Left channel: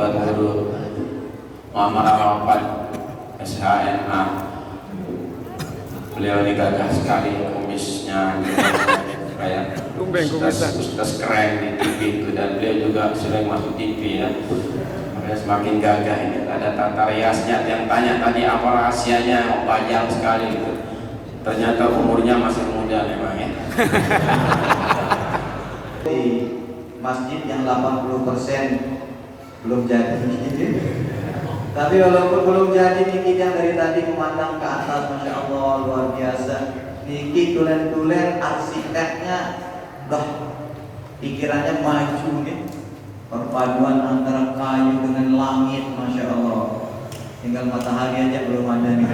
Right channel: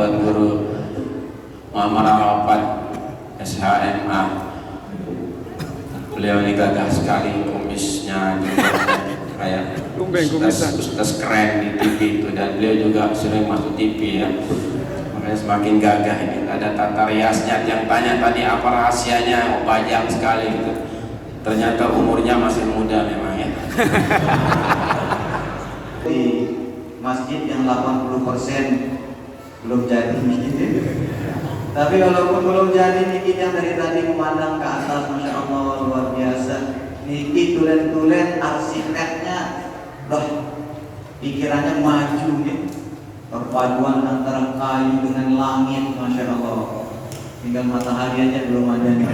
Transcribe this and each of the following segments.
Tuan Guru Muhammad Arafat SHMA. Beliau ini gagah sekali kumisnya, kayak ustaz keren di TV itu, dan beliau juga sering masuk TV ya. Makanya semakin gagah ini. Ada tata riasnya, yang tanya tadi apa rahasianya, panjang sekali gitu. Ternyata umurnya masih muda memang ya. Di masjid yang 80% belum jadi gitu. Tapi walaupun belum jadi, Niki yang dari tadi memandang ke atas, Masya Allah luar biasa. Niki tulen-tulen arsiteknya, pikirannya maju nih. Perpaduan antara kayu dengan langit, Masya Allah. Tinggal matahari aja belum ada nih.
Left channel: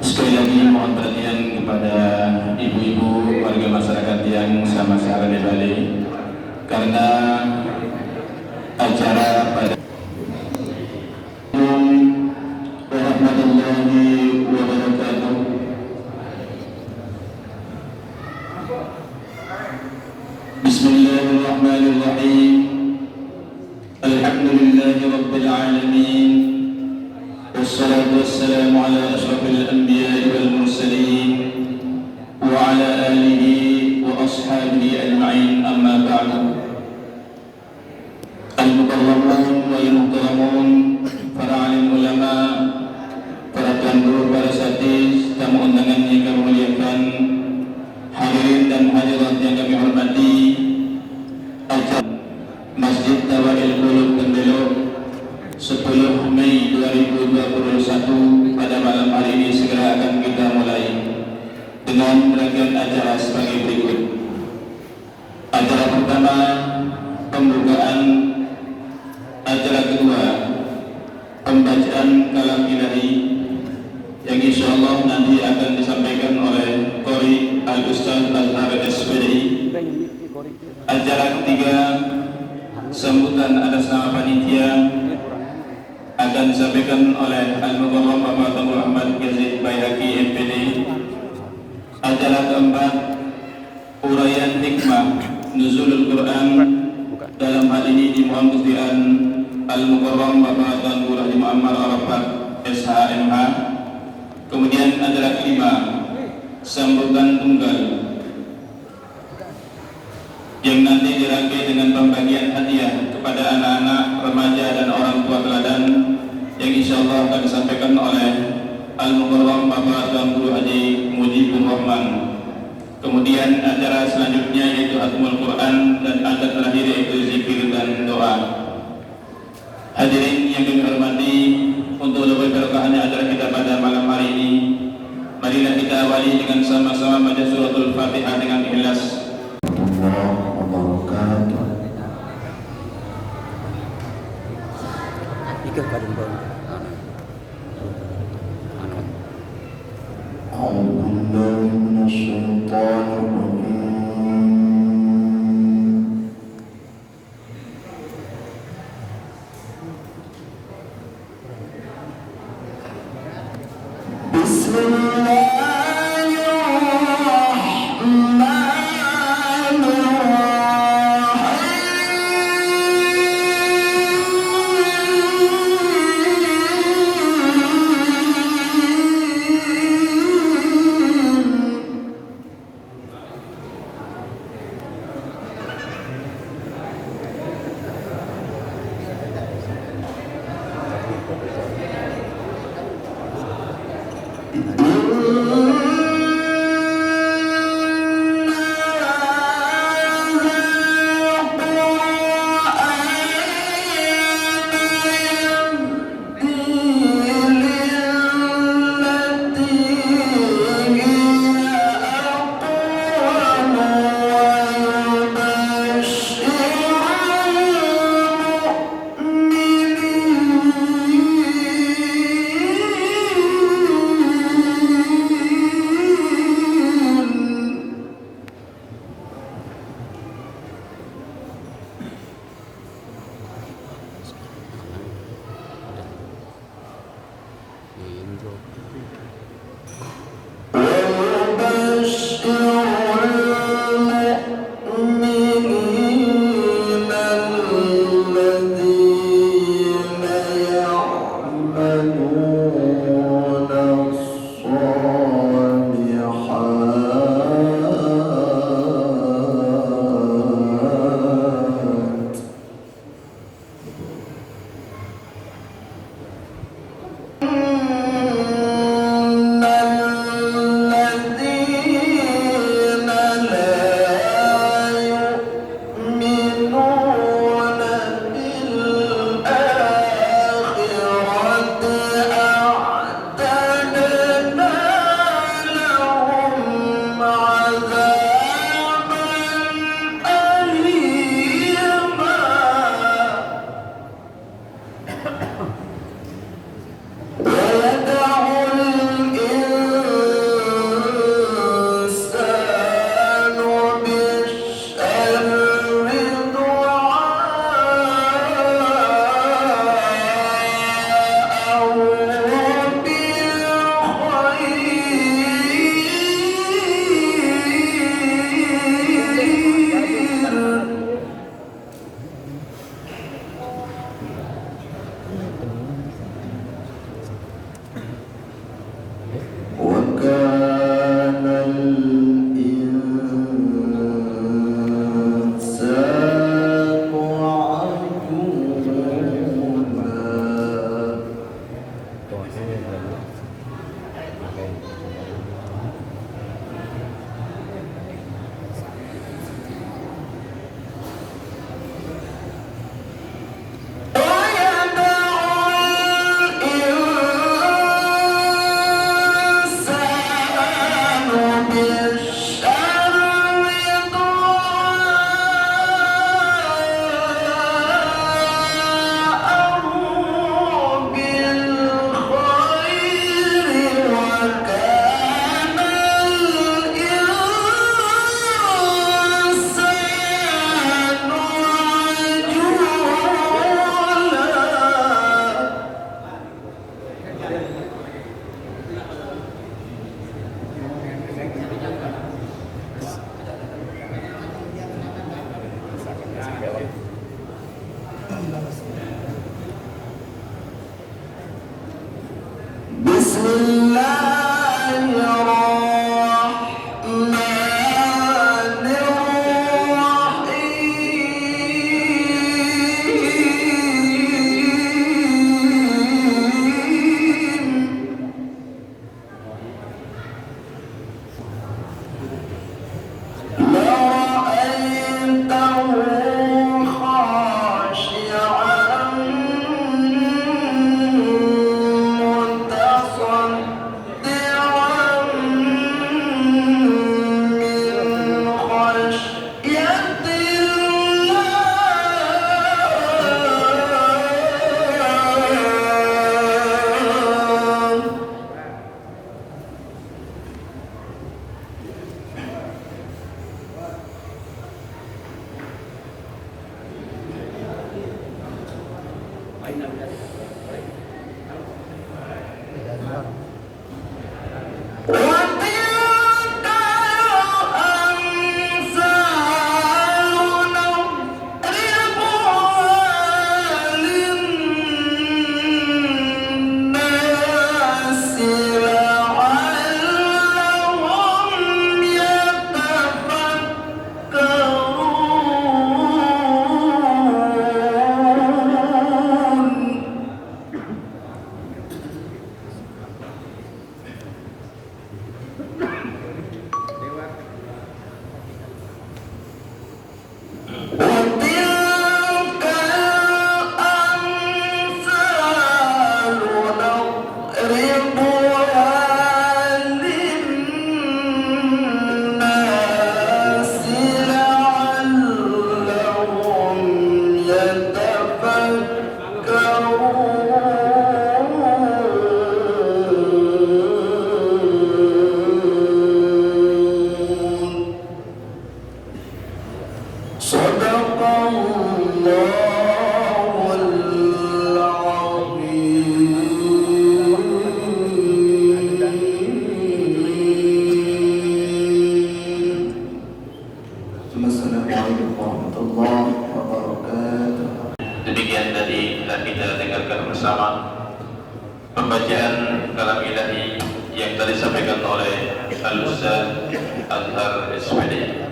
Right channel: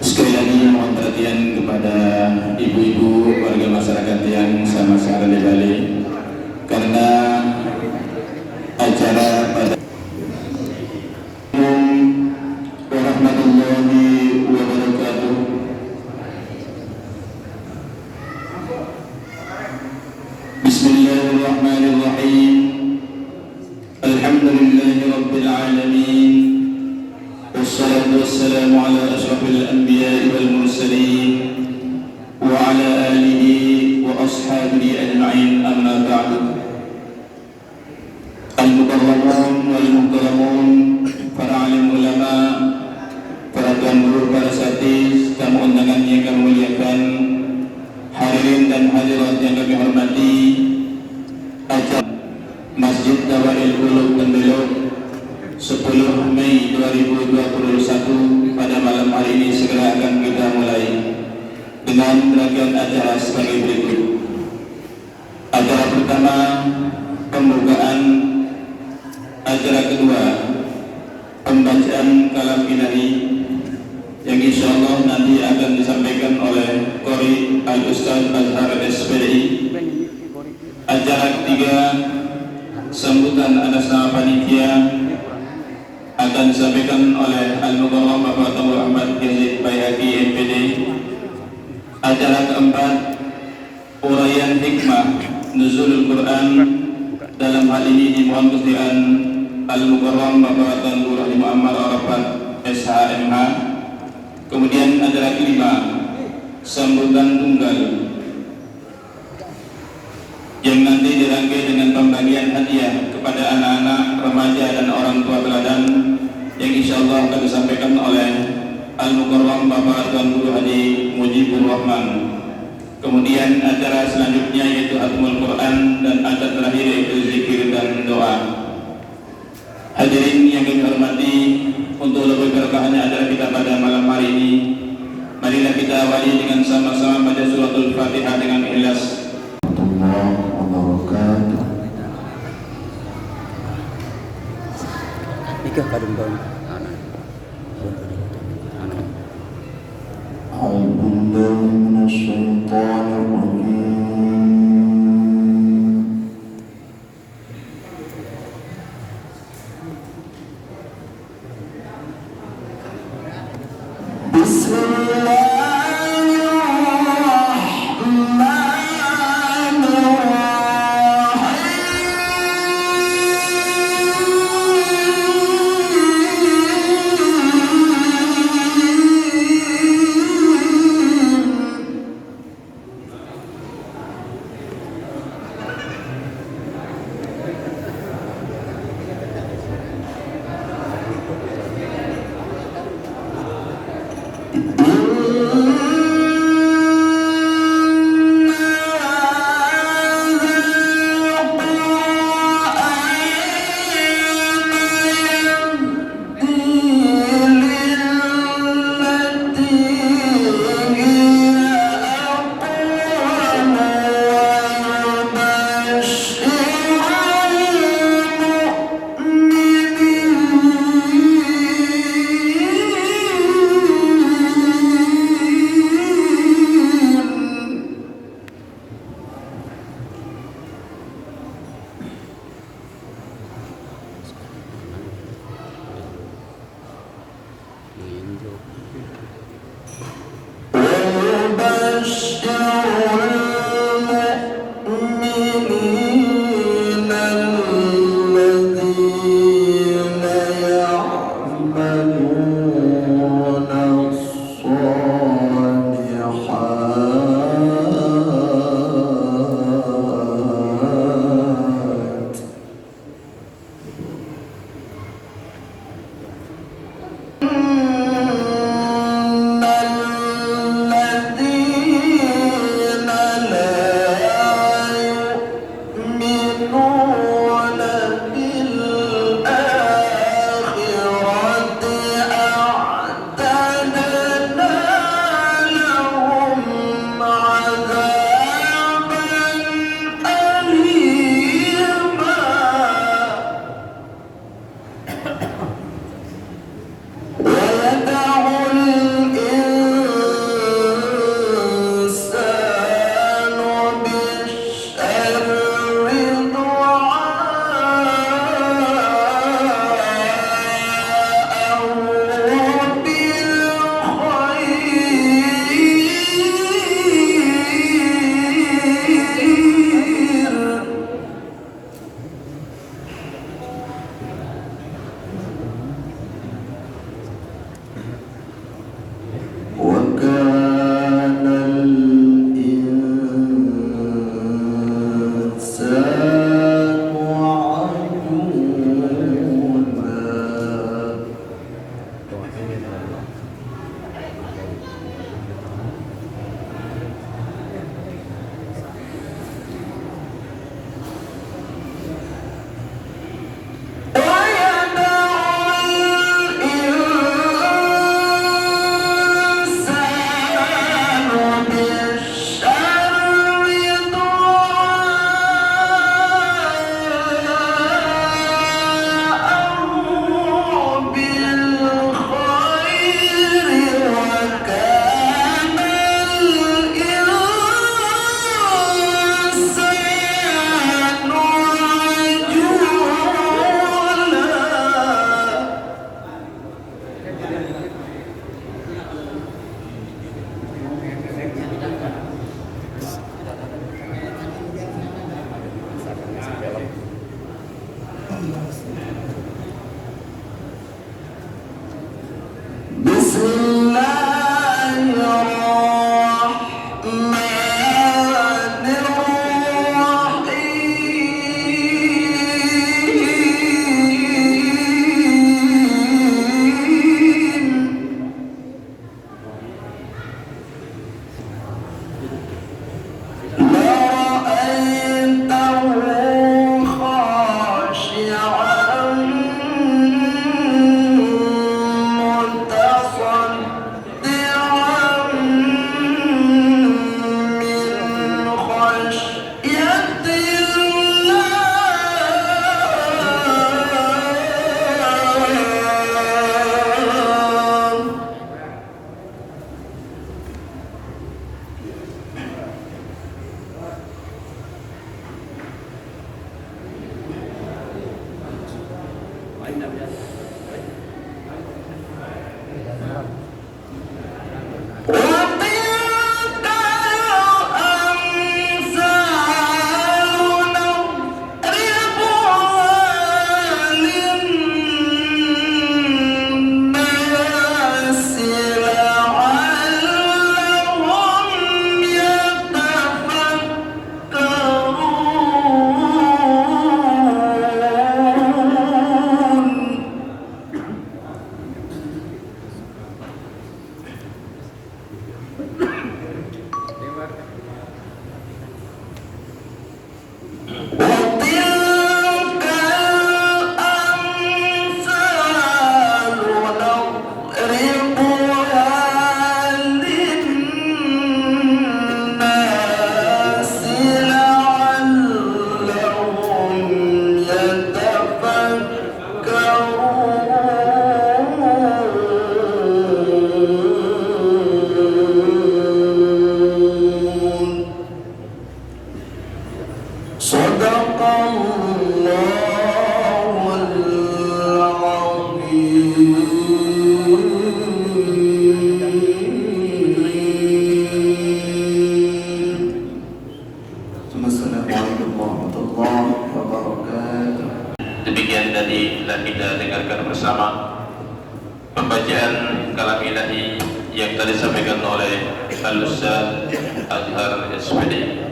Sekali lagi mohon perhatian kepada ibu-ibu warga masyarakat yang sama-sama di Bali, karena acara pada warahmatullahi wabarakatuh. Bismillahirrahmanirrahim. Alhamdulillahi Rabbil Alamin. Wassalatu wassalamu ala ashrafil anbiya'i wal mursalin wa ala alihi wa ashabihi ajma'in, amma ba'du. Al-mukarramun wal mukarramun, para alim ulama, para tuan guru, para satis, tamu undangan yang kami muliakan, hadirin dan hadirat yang kami hormati, acara Masjid Tawail Qulub Tembelok 10 Mei 2021 pada malam hari ini segera akan kita mulai dengan rangkaian acara sebagai berikut. Acara pertama pembukaan, acara kedua pembacaan kalam ilahi yang insyaallah nanti akan disampaikan oleh Qori Al-Ustaz Azhar SPI. Acara ketiga sambutan atas nama panitia akan disampaikan oleh Al-Mukarram Bapak Tengku Ahmad Yazid Baihaqi MPD. Acara keempat uraian hikmah nuzulul Quran, dalam hal ini dimohon kesediaan Al-Mukarram Bapak Tengku Rahim Muhammad Arafat SHMH. Kemudian acara kelima sambutan tunggal yang nanti dirangkai dengan pembagian hadiah kepada anak-anak, remaja dan orang tua teladan yang insyaallah akan disampaikan oleh Al-Mukarram Bapak Tuan Guru Haji Mujibur Rahman. Kemudian acara selanjutnya yaitu Hatmul Quran dan acara terakhir yaitu zikir dan doa. Hadirin yang kami hormati, untuk lebih berkahnya acara kita pada malam hari ini, marilah kita awali dengan sama-sama baca suratul Fatihah dengan ikhlas. Ika kadung bang anak yang tadi telah kita dengarkan bersama pembacaan kalam ilahi yang tadi disampaikan oleh Al-Ustaz Azhar SPD.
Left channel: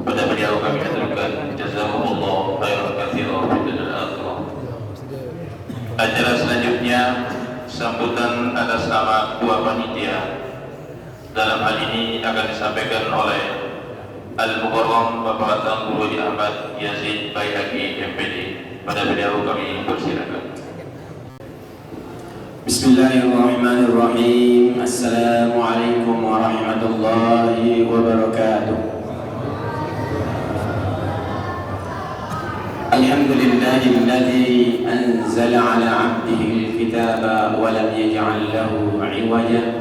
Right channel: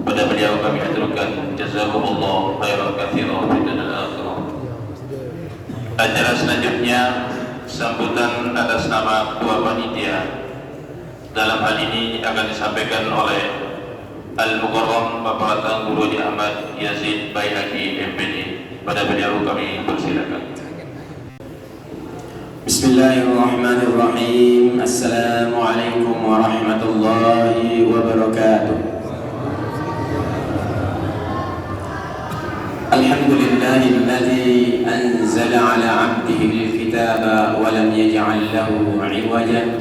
Pada beliau kami aturkan jazakumullah khairan katsiran fid dunya wal akhirah. Acara selanjutnya sambutan atas nama dua panitia. Dalam hal ini akan disampaikan oleh Al-Mukarram Bapak Tan Guru Ahmad Yazid Baihaqi MPD. Pada beliau kami persilakan. Bismillahirrahmanirrahim. Assalamualaikum warahmatullahi wabarakatuh. Alhamdulillahilladzi anzala ala 'abdihi al-kitaba wa lam yaj'al lahu 'iwaja.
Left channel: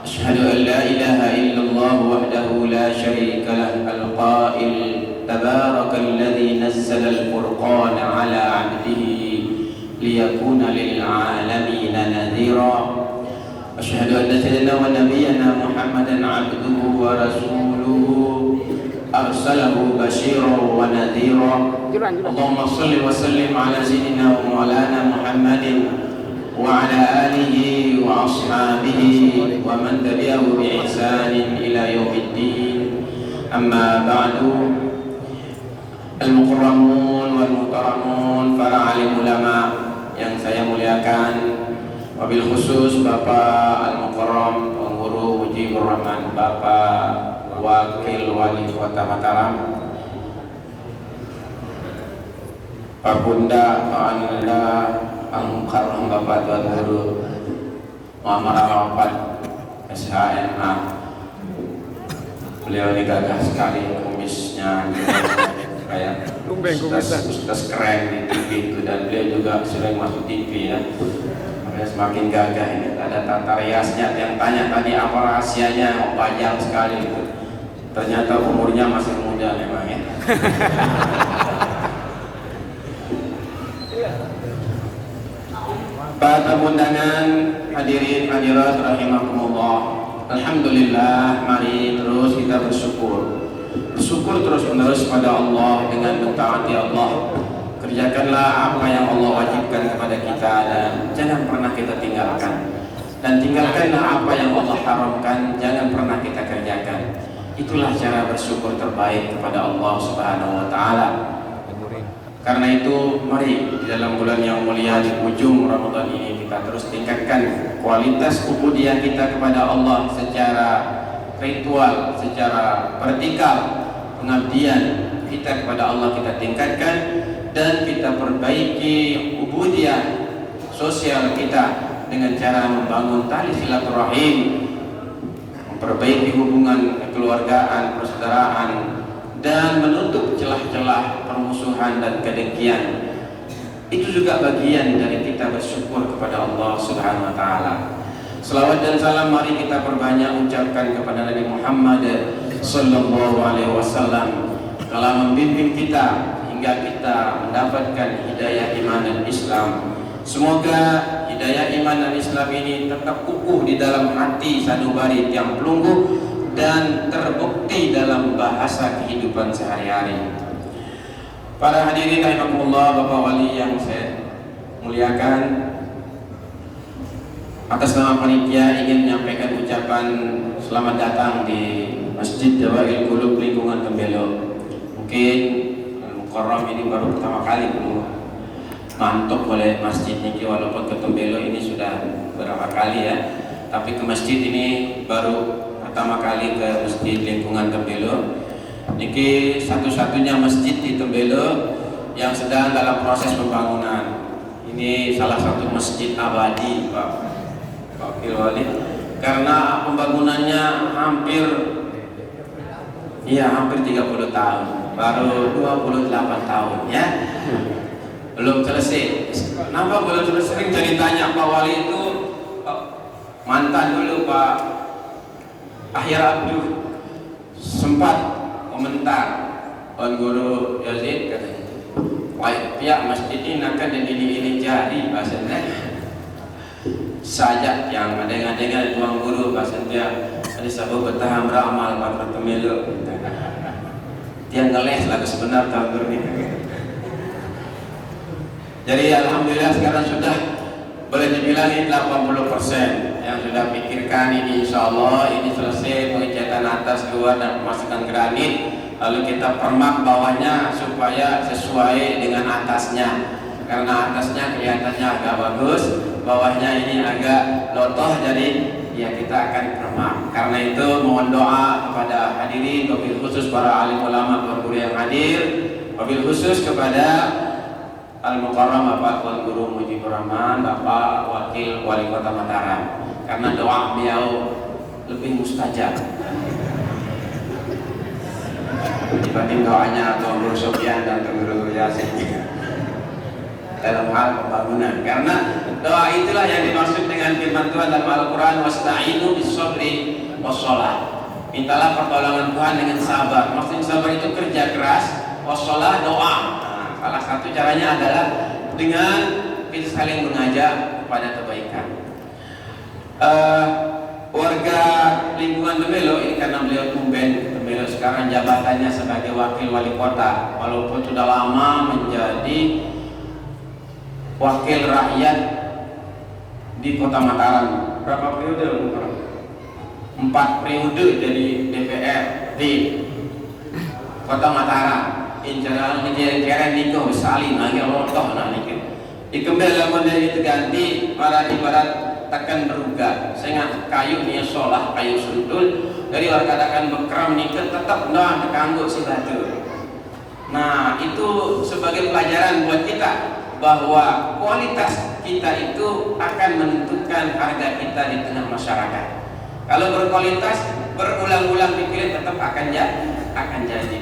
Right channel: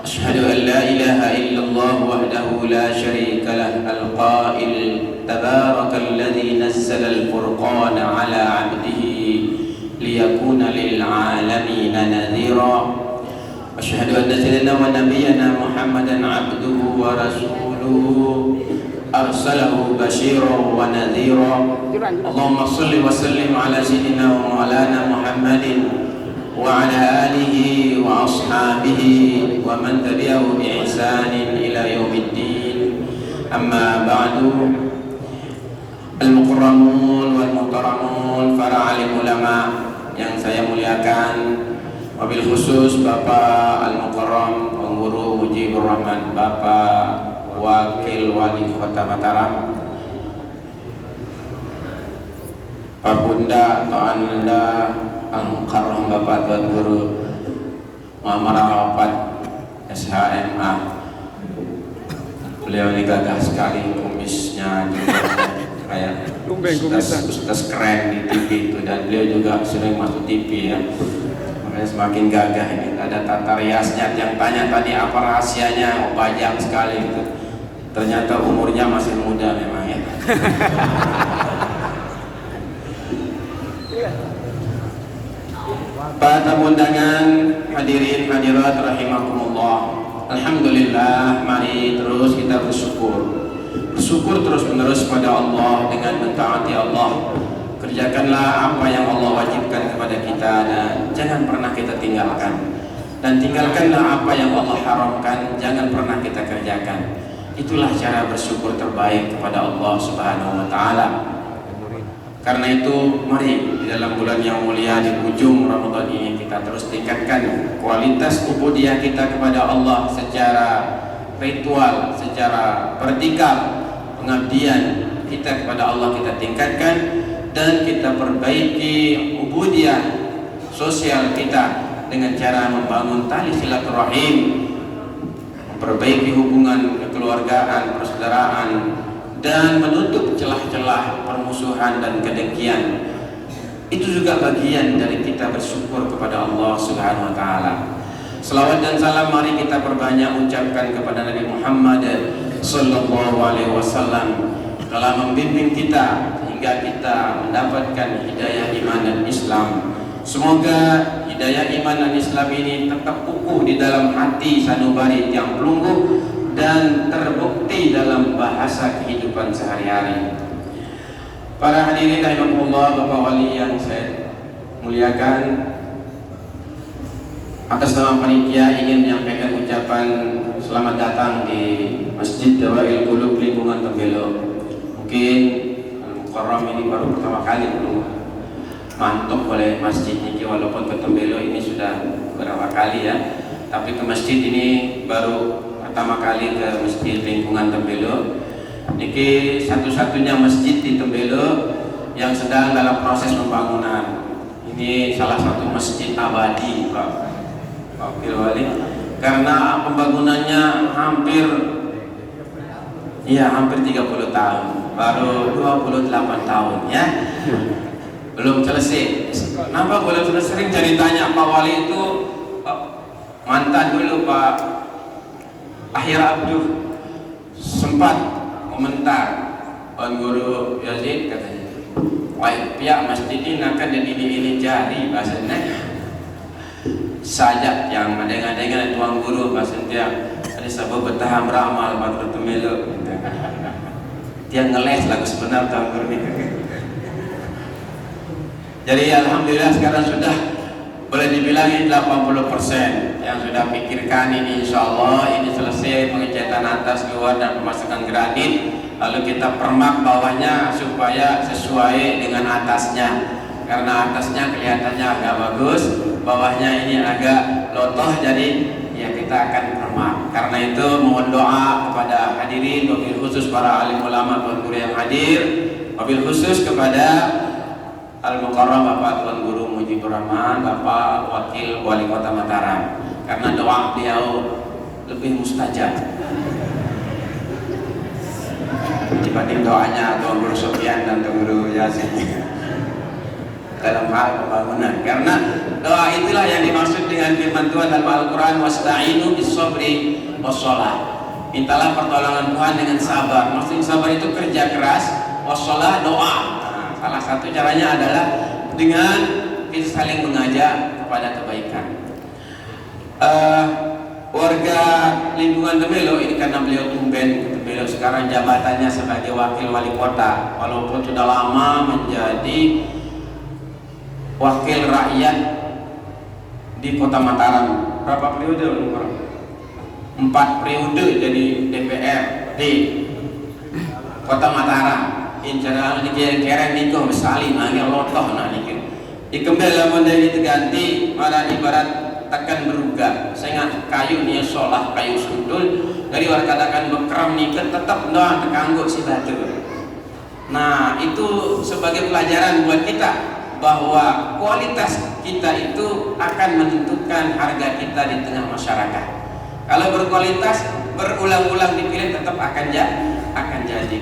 Asyhadu an la ilaha illallah wahdahu la syarika lah al-qail tabarakalladzi nazzala al-furqana 'ala 'abdihi liyakuna lil 'alamin nadhira. Asyhadu anna sayyidana wa nabiyyana Muhammadan 'abduhu wa rasuluhu arsalahu basyiran wa nadhira. Allahumma salli wa sallim ala sayyidina wa maulana Muhammadin wa ala alihi wa ashabihi wa man tabi'ahu bi ihsanin ila yaumiddin. Amma ba'du. Al-mukarramun wal muhtaramun, para alim ulama yang saya muliakan, wabil khusus Bapak Al-Mukarram Pengguru Mujibur Rahman, Bapak Wakil Wali Kota Mataram, Pak Bunda atau Anda Al-Mukarram Bapak Tuan Guru Muhammad Arafat SHMA. Beliau ini gagah sekali, kumisnya kayak ustaz keren di TV itu, dan beliau juga sering masuk TV ya. Semakin gagah ini. Ada tata riasnya, yang tanya tadi apa rahasianya, panjang sekali itu. Ternyata umurnya masih muda memang ya. Para tamu undangan, hadirin hadirat rahimakumullah. Alhamdulillah, mari terus kita bersyukur. Bersyukur terus menerus kepada Allah dengan mentaati Allah. Kerjakanlah apa yang Allah wajibkan kepada kita dan jangan pernah kita tinggalkan. Dan tinggalkanlah apa yang Allah haramkan, jangan pernah kita kerjakan. Itulah cara bersyukur terbaik kepada Allah Subhanahu wa taala. Karena itu mari di dalam bulan yang mulia di ujung Ramadan ini kita terus tingkatkan kualitas ubudiyah kita kepada Allah secara ritual, secara vertikal. Pengabdian kita kepada Allah kita tingkatkan dan kita perbaiki ubudiyah sosial kita dengan cara membangun tali silaturahim, memperbaiki hubungan kekeluargaan, persaudaraan, dan menutup celah-celah permusuhan dan kedengkian. Itu juga bagian dari kita bersyukur kepada Allah Subhanahu wa taala. Selawat dan salam mari kita perbanyak ucapkan kepada Nabi Muhammad sallallahu alaihi wasallam, telah membimbing kita hingga kita mendapatkan hidayah iman dan Islam. Semoga hidayah iman dan Islam ini tetap kukuh di dalam hati sanubari tiang pelungguh dan terbukti dalam bahasa kehidupan sehari-hari. Para hadirin rahimakumullah, Bapak Wali yang saya muliakan, atas nama panitia ingin menyampaikan ucapan selamat datang di Masjid Dawail Qulub lingkungan Tembelo. Mungkin Al-Mukarram ini baru pertama kali mantuk oleh masjid ini, walaupun ke Tembelo ini sudah beberapa kali ya, tapi ke masjid ini baru pertama kali ke masjid lingkungan Tembelo. Niki satu-satunya masjid di Tembelo yang sedang dalam proses pembangunan. Ini salah satu masjid abadi, Pak Firwali, karena pembangunannya hampir 30 tahun, baru 28 tahun ya. Belum selesai. Kenapa belum selesai? Sering jadi tanya Pak Wali itu mantan dulu Pak Akhir Abdul sempat komentar Tuan Guru Yazid katanya, wah pihak masjid ini akan jadi ini jari bahasanya sajak yang ada-ada Tuan Guru bahasanya ada sabu bertahan beramal pada Tembelo. Dia ngeles lagu sebenar Tuan Guru ini. Jadi alhamdulillah sekarang sudah boleh dibilang ini 80% yang sudah pikirkan ini, insya Allah ini selesai pengecatan atas, luar, dan pemasukan granit. Lalu kita permak bawahnya supaya sesuai dengan atasnya, karena atasnya kelihatannya agak bagus, bawahnya ini agak lotoh, jadi ya kita akan permak. Karena itu mohon doa kepada hadirin, wabil khusus para alim ulama dan guru yang hadir, wabil khusus kepada Al-Mukarram Bapak Tuan Guru Mujibur Rahman, Bapak Wakil Wali Kota Mataram, karena doa beliau lebih mustajab dibanding doanya Tuan Guru Sofyan dan Tuan Guru Yasin dalam hal pembangunan. Karena doa itulah yang dimaksud dengan firman Tuhan dalam Al-Quran, wasta'inu bis-sabri was-shalah. Mintalah pertolongan Tuhan dengan sabar. Maksudnya sabar itu kerja keras, was-shalah doa. Salah satu caranya adalah dengan kita saling mengajak kepada kebaikan. Warga lingkungan Tembelo ini, karena beliau tumben Tembelo sekarang jabatannya sebagai wakil wali kota, walaupun sudah lama menjadi wakil rakyat di Kota Mataram. Berapa periode? 4 periode jadi DPR di Kota Mataram. Insyaallah ini kira-kira niko besali manggil lotoh nah niki. Ikembel lamun dari ganti malah ibarat tekan berugah. Saya ingat kayu nih solah kayu sundul dari luar katakan bekram niken tetap doang terganggu si batu. Nah itu sebagai pelajaran buat kita bahwa kualitas kita itu akan menentukan harga kita di tengah masyarakat. Kalau berkualitas berulang-ulang dipilih tetap akan jadi.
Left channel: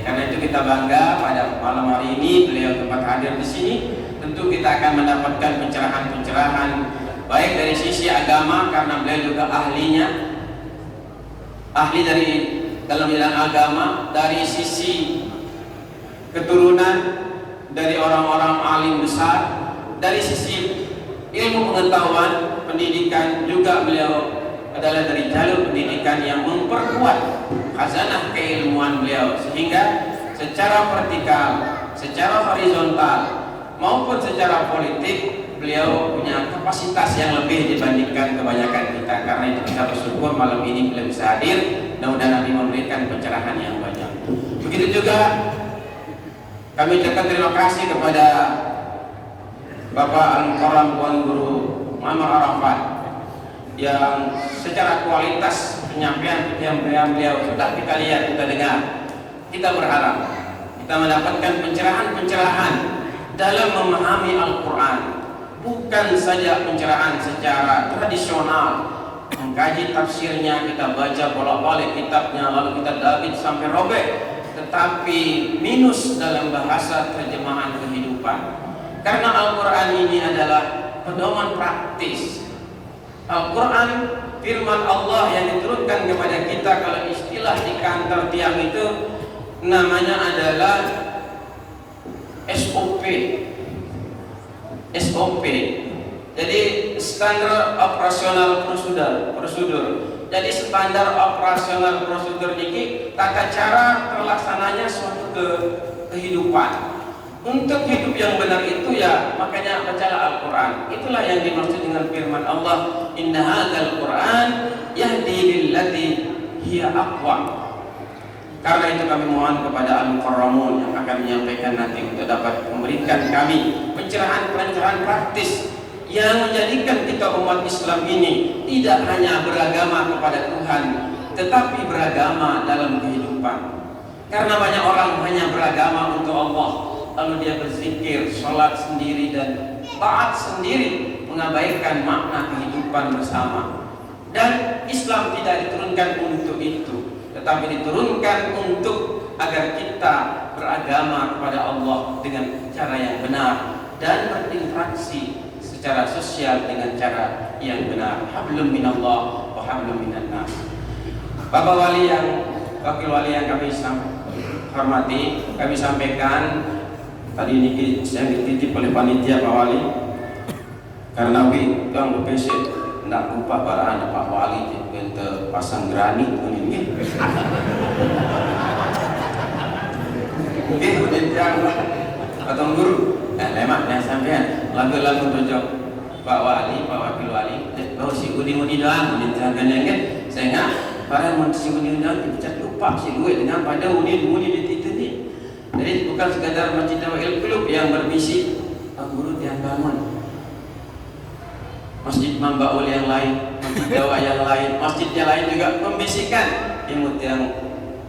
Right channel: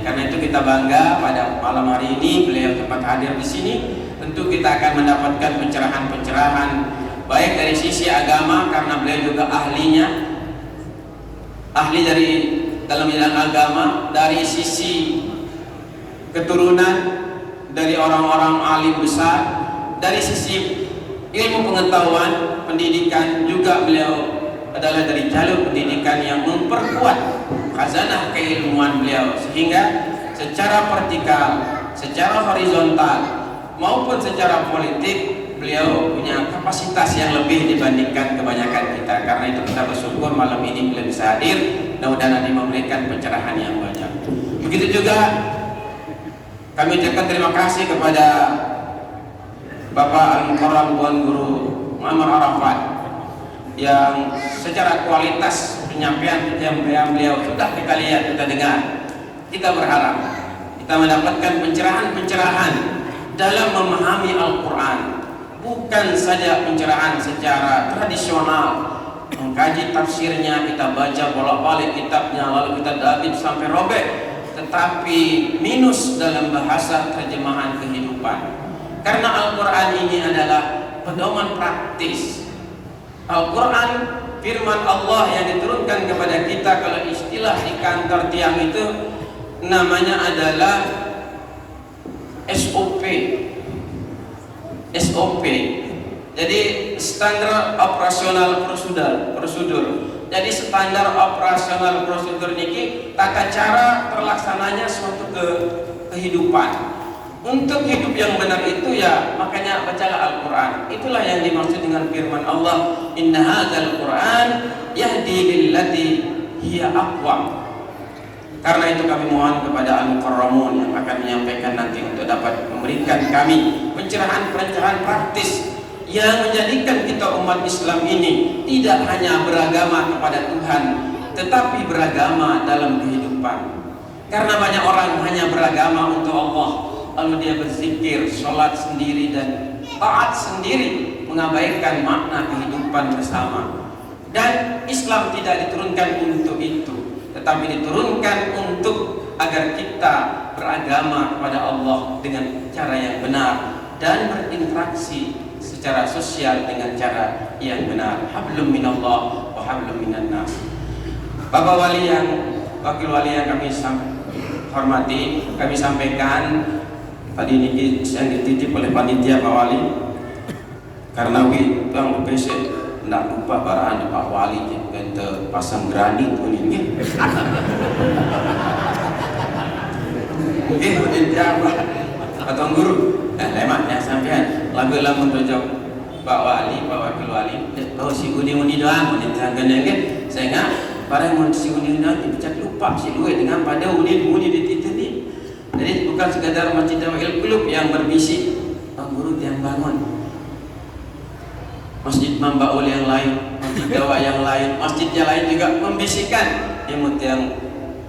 Karena itu kita bangga pada malam hari ini beliau tempat hadir di sini. Tentu kita akan mendapatkan pencerahan-pencerahan baik dari sisi agama, karena beliau juga ahli dari dalam bidang agama, dari sisi keturunan dari orang-orang alim besar, dari sisi ilmu pengetahuan pendidikan juga beliau adalah dari jalur pendidikan yang memperkuat khazanah keilmuan beliau, sehingga secara vertikal, secara horizontal maupun secara politik beliau punya kapasitas yang lebih dibandingkan kebanyakan kita. Karena itu kita bersyukur malam ini beliau bisa hadir, mudah-mudahan nanti memberikan pencerahan yang banyak. Begitu juga kami ucapkan terima kasih kepada Bapak Al-Mukarram Tuan Guru Muhammad Arafat yang secara kualitas penyampaian yang beliau sudah kita lihat, kita dengar. Kita berharap kita mendapatkan pencerahan-pencerahan dalam memahami Al-Quran, bukan saja pencerahan secara tradisional, mengkaji tafsirnya, kita baca bolak-balik kitabnya lalu kita dabit sampai robek, tetapi minus dalam bahasa terjemahan kehidupan. Karena Al-Quran ini adalah pedoman praktis. Al-Quran firman Allah yang diturunkan kepada kita, kalau istilah di kantor tiang itu namanya adalah SOP. Jadi standar operasional prosedur. Jadi standar operasional prosedur ini tata cara terlaksananya suatu kehidupan. Untuk hidup yang benar itu ya makanya bacalah Al-Quran. Itulah yang dimaksud dengan firman Allah, inna hadzal Quran yahdi lillati hiya aqwam. Karena itu kami mohon kepada Al-Mukarramun yang akan menyampaikan nanti untuk dapat memberikan kami pencerahan-pencerahan praktis yang menjadikan kita umat Islam ini tidak hanya beragama kepada Tuhan, tetapi beragama dalam kehidupan. Karena banyak orang hanya beragama untuk Allah, lalu dia berzikir, sholat sendiri dan taat sendiri, mengabaikan makna kehidupan bersama. Dan Islam tidak diturunkan untuk itu, tetapi diturunkan untuk agar kita beragama kepada Allah dengan cara yang benar dan berinteraksi secara sosial dengan cara yang benar. Hablum minallah wa hablum minan nas. Bapak wakil wali yang kami hormati, kami sampaikan tadi ini yang dititip oleh panitia Pak Wali, karena yang BPC tidak lupa barahan Pak Wali untuk pasang granit ini. Oke, yang atau guru, lemaknya sampean lagu-lagu berjauh Pak Wali, Pak Wakil Wali, tahu si uni doang, uni jangan kan? Saya ingat barang si uni doang dipecat lupa si luwe dengan pada uni di itu ni. Jadi bukan sekadar masjid Jami'ul Qulub yang berbisik, Pak Guru yang bangun. Masjid Mambaul yang lain, Jawa yang lain, masjidnya lain juga membisikkan. Imut yang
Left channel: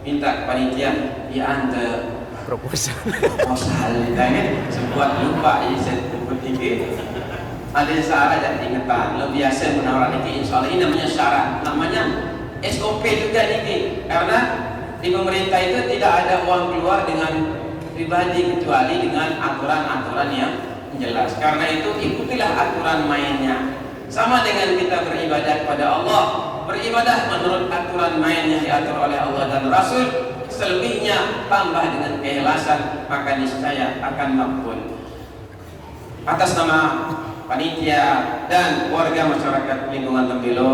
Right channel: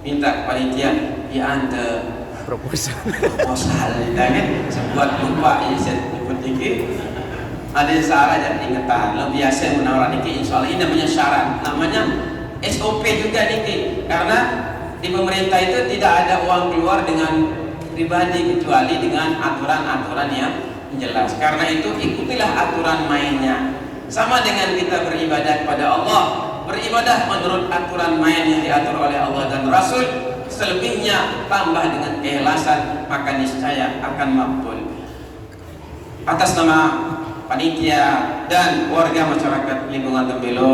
minta panitia diantar Proposal. kan sebuat lupa seperti itu. Ada syarat yang ingatan. Lo biasa menawarkan ini, insya Allah ini namanya syarat, namanya SOP juga ini. Karena di pemerintah itu tidak ada uang keluar dengan pribadi kecuali dengan aturan-aturan yang jelas. Karena itu ikutilah aturan mainnya. Sama dengan kita beribadah kepada Allah, beribadah menurut aturan main yang diatur oleh Allah dan Rasul. Selebihnya tambah dengan keikhlasan, maka niscaya akan makbul. Atas nama panitia dan warga masyarakat lingkungan Tembelo,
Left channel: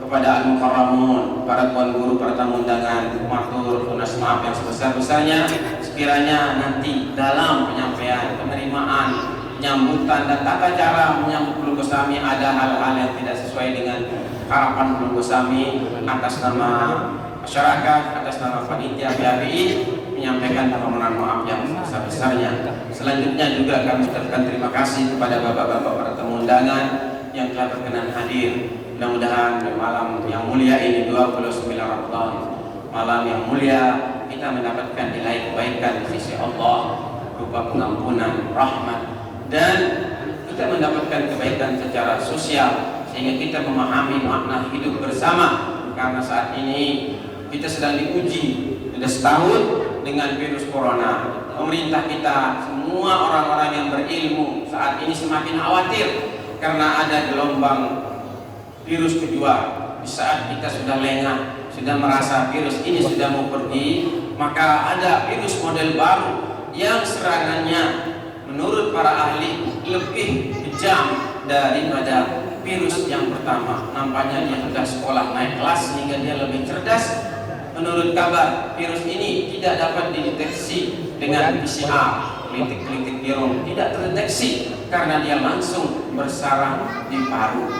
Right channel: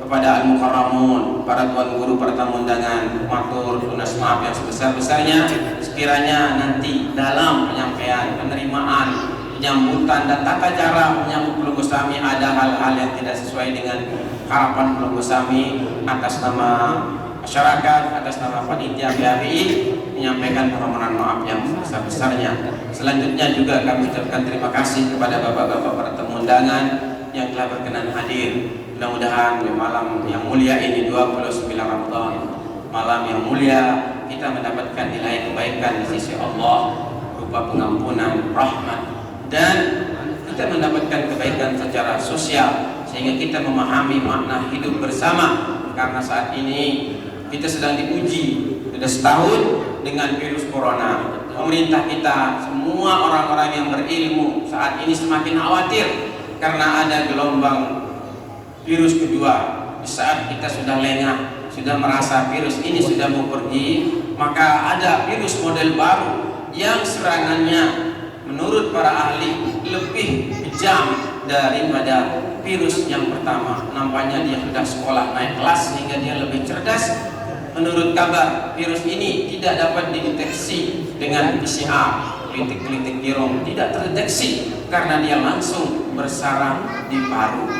kepada Al-Mukarramun, para tuan guru, para tamu undangan, matur lunas maaf yang sebesar-besarnya. Sekiranya nanti dalam penyampaian, penerimaan, penyambutan dan tata cara menyambut Belum Gosami ada hal-hal yang tidak sesuai dengan harapan Belum Gosami, atas nama masyarakat, atas nama panitia PHBI menyampaikan permohonan maaf yang sebesar-besarnya. Selanjutnya juga kami ucapkan terima kasih kepada bapak-bapak para tamu undangan yang telah berkenan hadir. Mudah-mudahan di malam yang mulia ini 29 Ramadan, malam yang mulia, kita mendapatkan nilai kebaikan di sisi Allah berupa pengampunan, rahmat, dan kita mendapatkan kebaikan secara sosial sehingga kita memahami makna hidup bersama. Karena saat ini kita sedang diuji sudah setahun dengan virus corona. Pemerintah kita, semua orang-orang yang berilmu saat ini semakin khawatir karena ada gelombang virus kedua. Di saat kita sudah lengah, sudah merasa virus ini sudah mau pergi, maka ada virus model baru yang serangannya menurut para ahli lebih kejam daripada virus yang pertama. Nampaknya dia sudah sekolah naik kelas sehingga dia lebih cerdas. Menurut kabar, virus ini tidak dapat dideteksi dengan PCR, klinik-klinik birom tidak terdeteksi karena dia langsung bersarang di paru.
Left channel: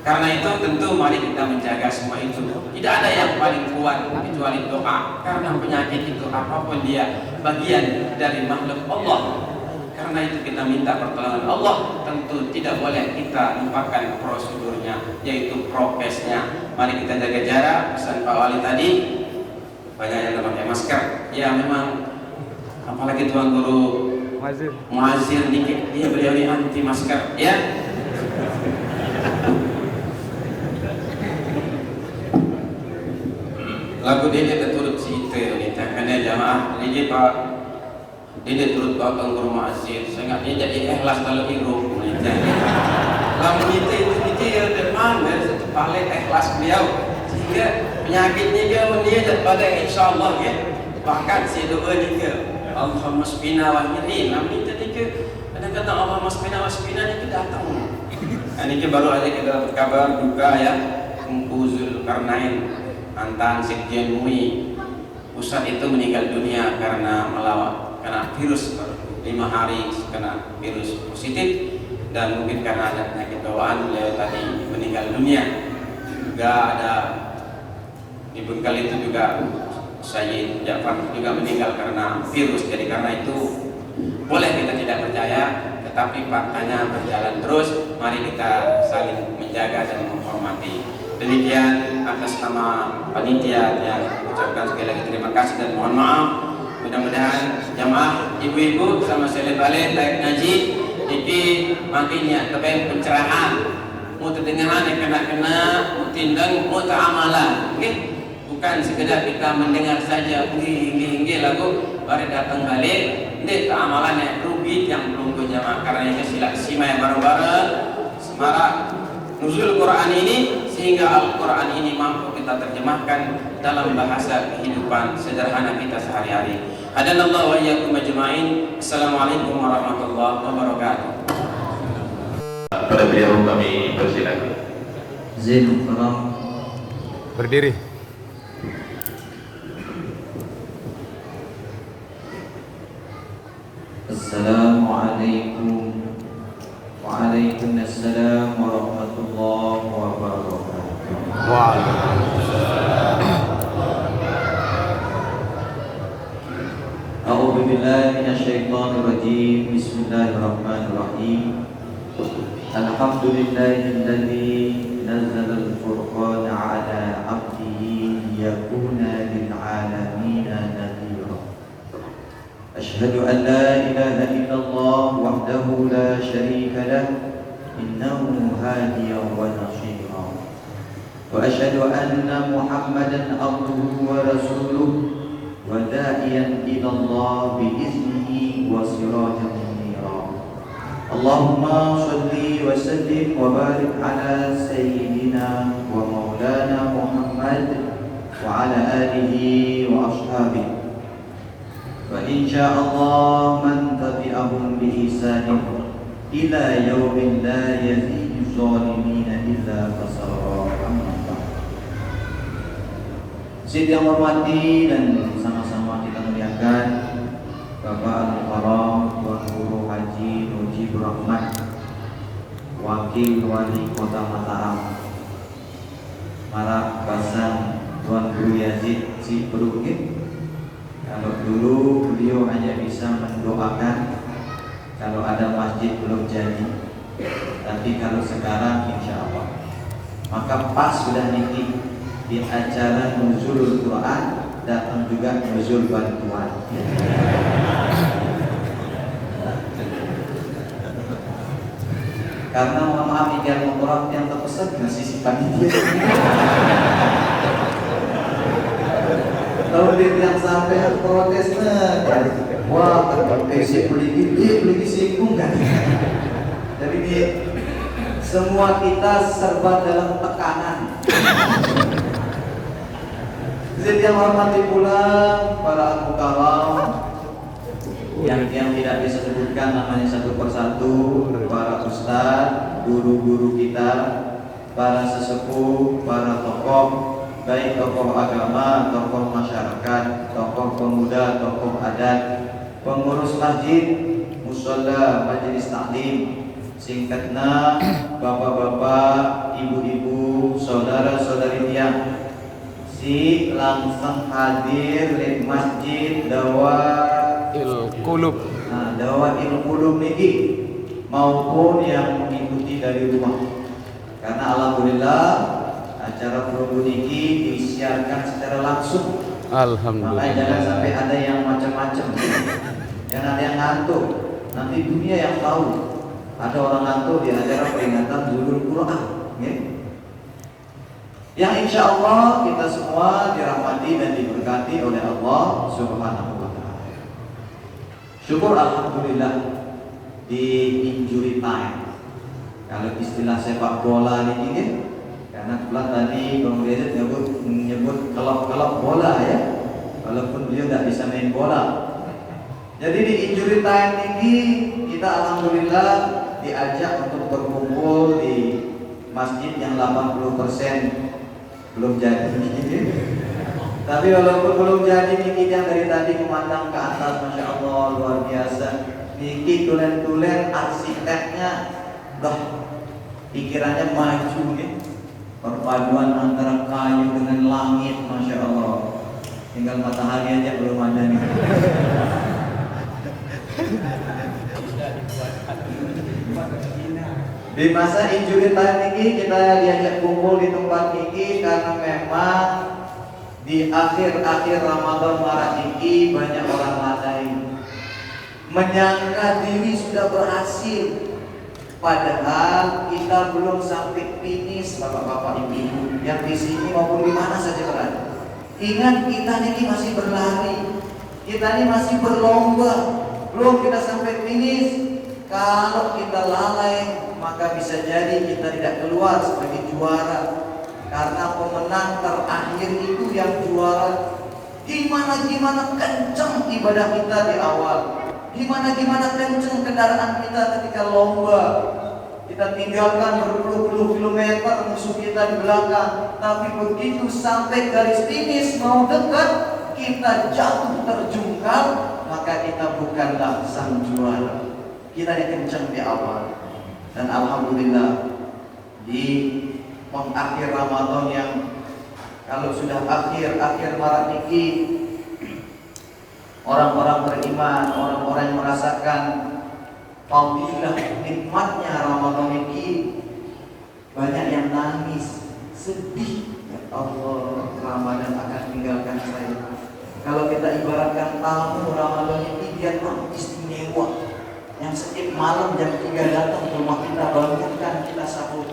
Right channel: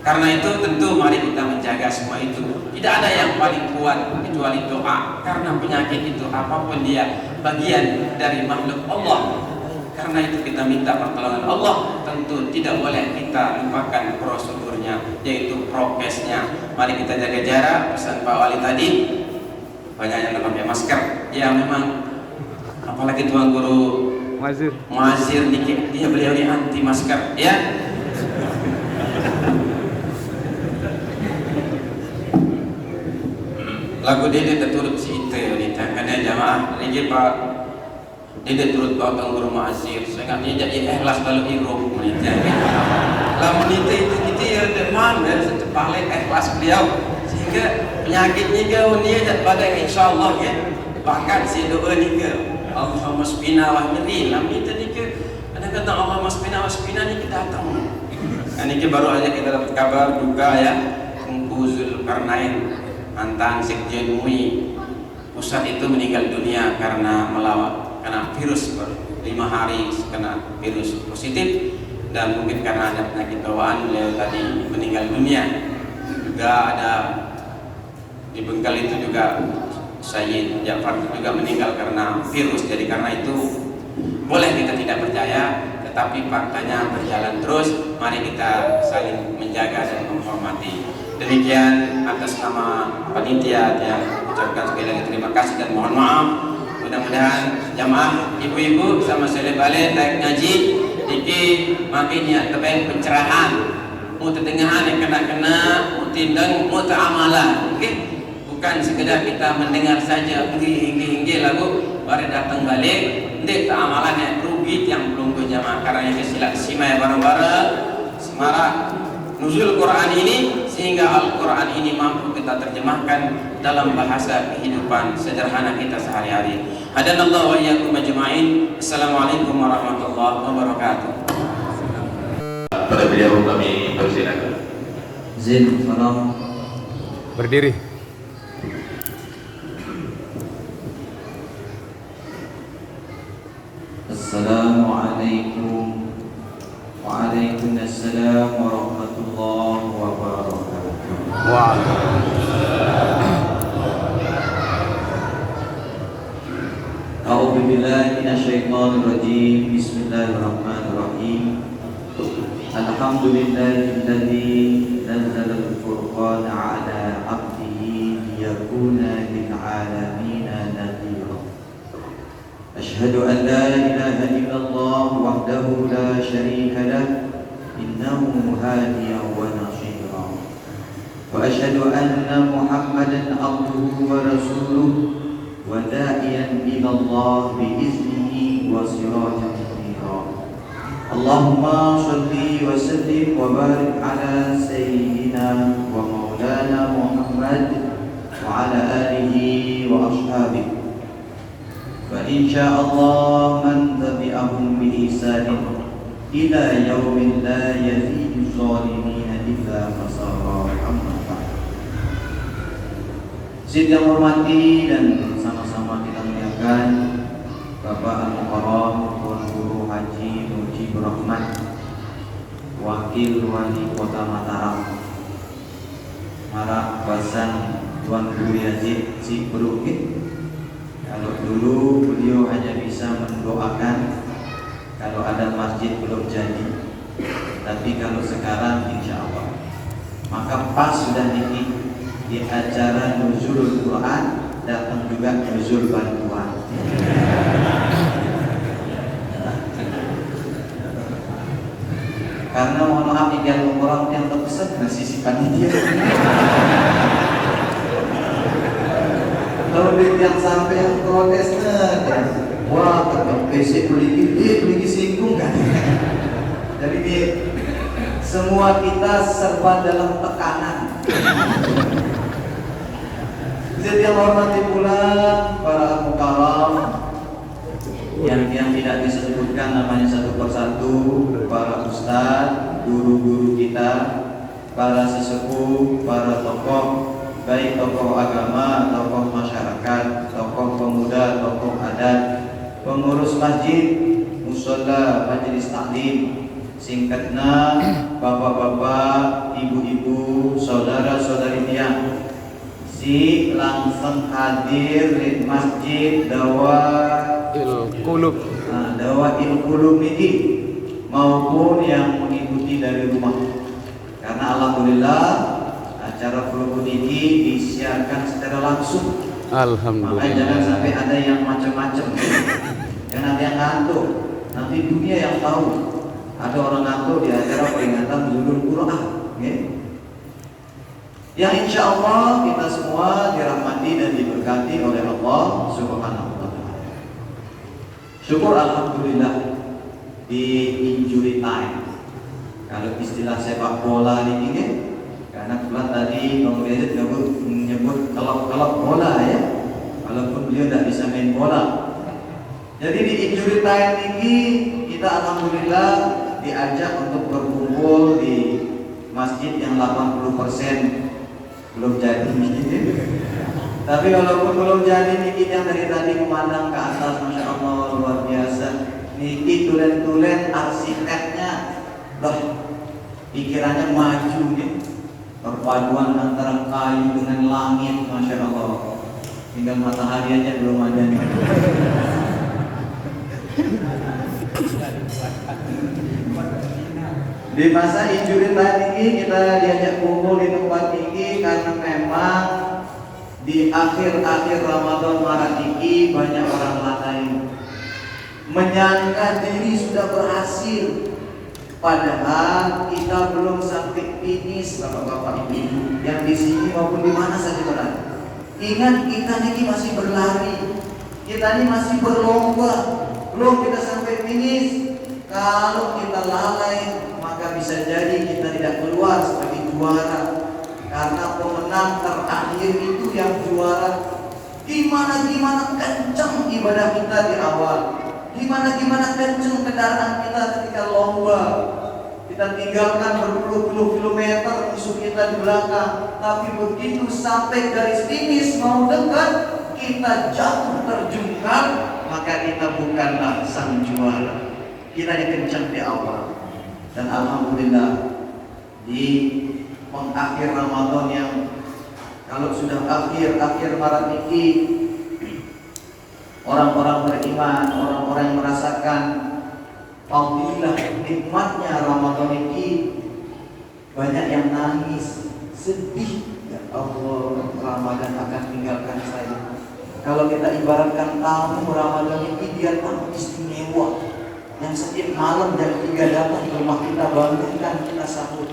Karena itu tentu mari kita menjaga semua itu. Tidak ada yang paling kuat kecuali doa. Karena penyakit itu apapun dia bagian dari makhluk Allah. Karena itu kita minta pertolongan Allah. Tentu tidak boleh kita lupakan prosedurnya, yaitu prokesnya. Mari kita jaga jarak. Pesan Pak Wali tadi, banyak yang pakai masker. Ya memang, apalagi tuan guru Muazir nih, beliau ini anti masker, ya. Lagu Dede tertutup si itu ni karena jamaah ini Pak Dede turut bawa guru Muazir. Saya ingatnya jadi ikhlas kalau hirup menita. Lalu menita itu kita ya demam dan setepalai ikhlas beliau sehingga penyakitnya ke dia pada insyaallah ya. Bahkan si doa ni ke Allahumma spina wa mirin. Lalu menita ni ke ada kata Allahumma spina wa spina ni kita datang. Ini baru aja kita dapat kabar duka ya Tengku Zulkarnain mantan Sekjen MUI pusat itu meninggal dunia karena kena virus baru 5 hari kena virus positif, dan mungkin karena ada penyakit bawaan beliau tadi meninggal dunia. Juga ada di Bengkel itu juga Sayyid Ja'far juga meninggal karena virus. Jadi karena itu boleh kita tidak percaya, tetapi faktanya berjalan terus. Mari kita saling menjaga dan menghormati. Demikian atas nama panitia yang ucapkan sekali lagi terima kasih dan mohon maaf. Mudah-mudahan jamaah ibu-ibu sama seleb balik naik ngaji jadi makin ya terbaik pencerahan mau terdengahan yang kena-kena mau tindang mau teramalan. Bukan sekedar kita mendengar saja hinggi lagu baru datang balik ini teramalan yang rugi yang belum jamaah. Karena itu sila simai bareng-bareng semarak nuzul Quran ini sehingga Al-Quran ini mampu kita terjemahkan dalam bahasa kehidupan sederhana kita sehari-hari. Hadanallahu wa iyyakum ajma'in. Assalamualaikum warahmatullahi wabarakatuh. Pada beliau kami persilakan. Zin, tolong Berdiri. Assalamualaikum Alhamdulillahilladzi nazzala al-furqana ala 'abdihi liyakuna lil 'alamina nadhira. Asyhadu an la ilaha illallah wahdahu la syarika lah innahu hadiyan wa nasira. Wa asyhadu anna Muhammadan abduhu wa rasuluh wa da'iyan ila Allah bi iznihi wa sirajan munira. Allahumma shalli wa sallim wa barik ala sayyidina wa maulana Muhammad wa ala alihi wa ashabihi. Wa insyaallah man tabi'ahum bi ihsanin ila yaumin la yazidu zalimina illa khasara. Sidang yang hormati dan sama-sama kita muliakan Bapak Al-Mukarram Tuan Guru Haji Mujibur Rahman, Wakil Wali Kota Mataram, Harap Basan Tuan Guru Yazid Si Berukit. Kalau dulu beliau hanya bisa mendoakan kalau ada masjid belum jadi, tapi kalau sekarang insya Allah maka pas sudah nitip di acara nuzul Quran datang juga nuzul bantuan. Karena mohon maaf ikan orang yang terpesan masih si panitia. Kalau dia yang sampai yang protes wah tetap PC beli singgung kan. Jadi dia semua kita serba dalam tekanan. Jadi yang hormati pula para mukarram yang tidak bisa sebutkan namanya satu persatu, para ustaz, guru-guru kita, para sesepuh, para tokoh, baik tokoh agama, tokoh masyarakat, tokoh pemuda, tokoh adat, pengurus masjid, mushola, majelis taklim, singkatnya bapak-bapak, ibu-ibu, saudara-saudari tiang si langsung hadir di masjid Dawail Qulub ini maupun yang mengikuti dari rumah. Karena alhamdulillah acara Qulub ini disiarkan secara langsung. Alhamdulillah. Makanya jangan sampai ada yang macam-macam. Jangan ada yang ngantuk. Nanti dunia yang tahu. Ada orang ngantuk di acara peringatan Nuzul Quran. Yang insya Allah kita semua dirahmati dan diberkati oleh Allah Subhanahu wa Ta'ala. Syukur alhamdulillah di injury time. Kalau istilah sepak bola ini karena telah tadi Bang Redit menyebut kelop-kelop bola ya. Walaupun beliau tidak bisa main bola. Jadi di injury time ini kita alhamdulillah diajak untuk berkumpul di masjid yang 80% belum jadi ini. Tapi walaupun belum jadi niki yang dari tadi memandang ke atas, masya Allah luar biasa. Niki tulen-tulen arsiteknya, pikirannya maju nih. Perpaduan antara kayu dengan langit, masya Allah. Tinggal matahari aja belum ada nih. Di masa injury time ini kita diajak kumpul di tempat ini karena memang di akhir-akhir Ramadan Maret ini banyak orang lalai menyangka diri sudah berhasil, padahal kita belum sampai finish. Bapak-bapak ibu yang di sini maupun di mana saja berada, ingat kita ini masih berlari, kita ini masih berlomba, belum kita sampai finish. Kalau kita lalai maka bisa jadi kita tidak keluar sebagai juara, karena pemenang terakhir itu yang juara. Gimana kencang ibadah kita di awal, gimana kencang kendaraan kita ketika lomba. Kita tinggalkan berpuluh-puluh kilometer musuh kita di belakang, tapi begitu sampai garis finish mau dekat, kita jatuh terjungkal, maka kita bukanlah sang juara. Kita yang kencang di awal. Dan alhamdulillah di pengakhir Ramadan yang kalau sudah akhir Maret ini, orang-orang beriman, orang-orang yang merasakan fadilah nikmatnya Ramadan ini, Banyak yang nangis, sedih. Ya Allah, Ramadan akan tinggalkan saya. Kalau kita ibaratkan tamu Ramadan ini, dia tamu istimewa yang setiap malam jam 3 datang ke rumah kita, bangunkan kita sambut.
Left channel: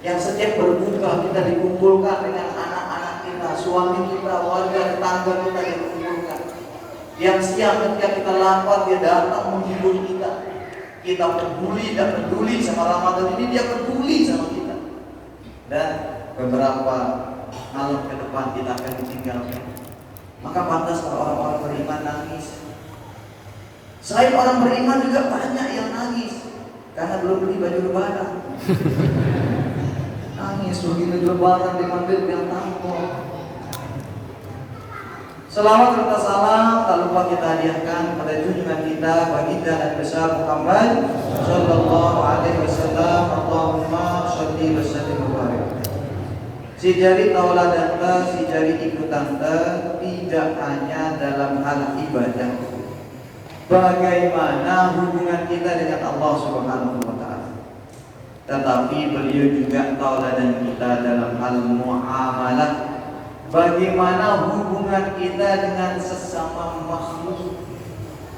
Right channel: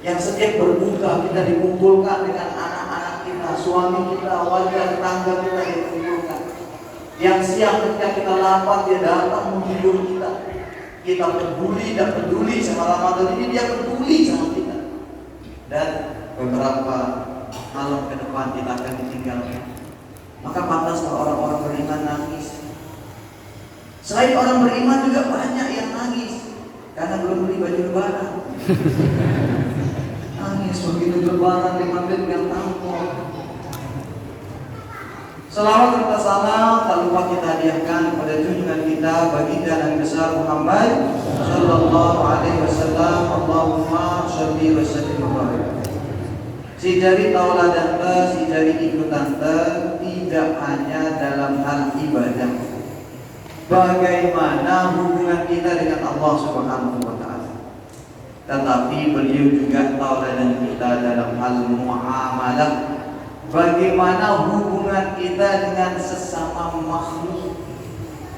Yang setiap berbuka kita dikumpulkan dengan anak-anak kita, suami kita, warga tetangga kita dikumpulkan. Yang siang ketika kita lapar, dia datang menghibur kita. Kita peduli dan peduli sama Ramadan ini, dia peduli sama kita. Dan beberapa malam ke depan kita akan ditinggalkan. Maka pantas kalau orang-orang beriman nangis. Selain orang beriman juga banyak yang nangis karena belum beli baju lebaran. Nangis begitu lebaran di masjid yang tanggung. Selawat serta salam tak lupa kita hadiahkan pada junjungan kita baginda Nabi besar Muhammad sallallahu alaihi wasallam. Allahumma sholli wa sallim wa barik. Si jari tauladan ta, si jari ikutan ta, tidak hanya dalam hal ibadah. Bagaimana hubungan kita dengan Allah Subhanahu wa taala. Tetapi beliau juga tauladan kita dalam hal muamalah. Bagaimana hubungan kita dengan sesama makhluk,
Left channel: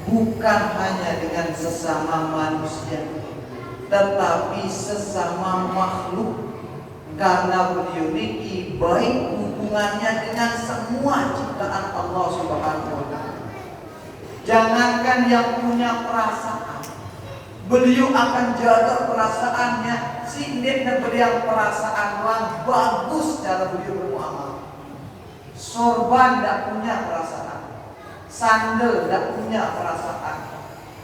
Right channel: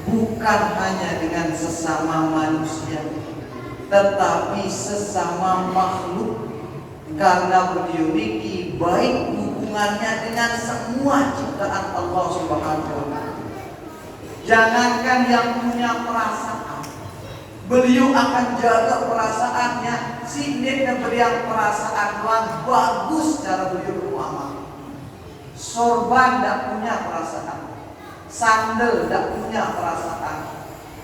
bukan hanya dengan sesama manusia, tetapi sesama makhluk. Karena beliau ini baik hubungannya dengan semua ciptaan Allah Subhanahu wa taala. Jangankan yang punya perasaan, beliau akan jaga perasaannya. Sindik dan beriang perasaan lang bagus cara beliau bermuamalah. Sorban tidak punya perasaan, sandal tidak punya perasaan,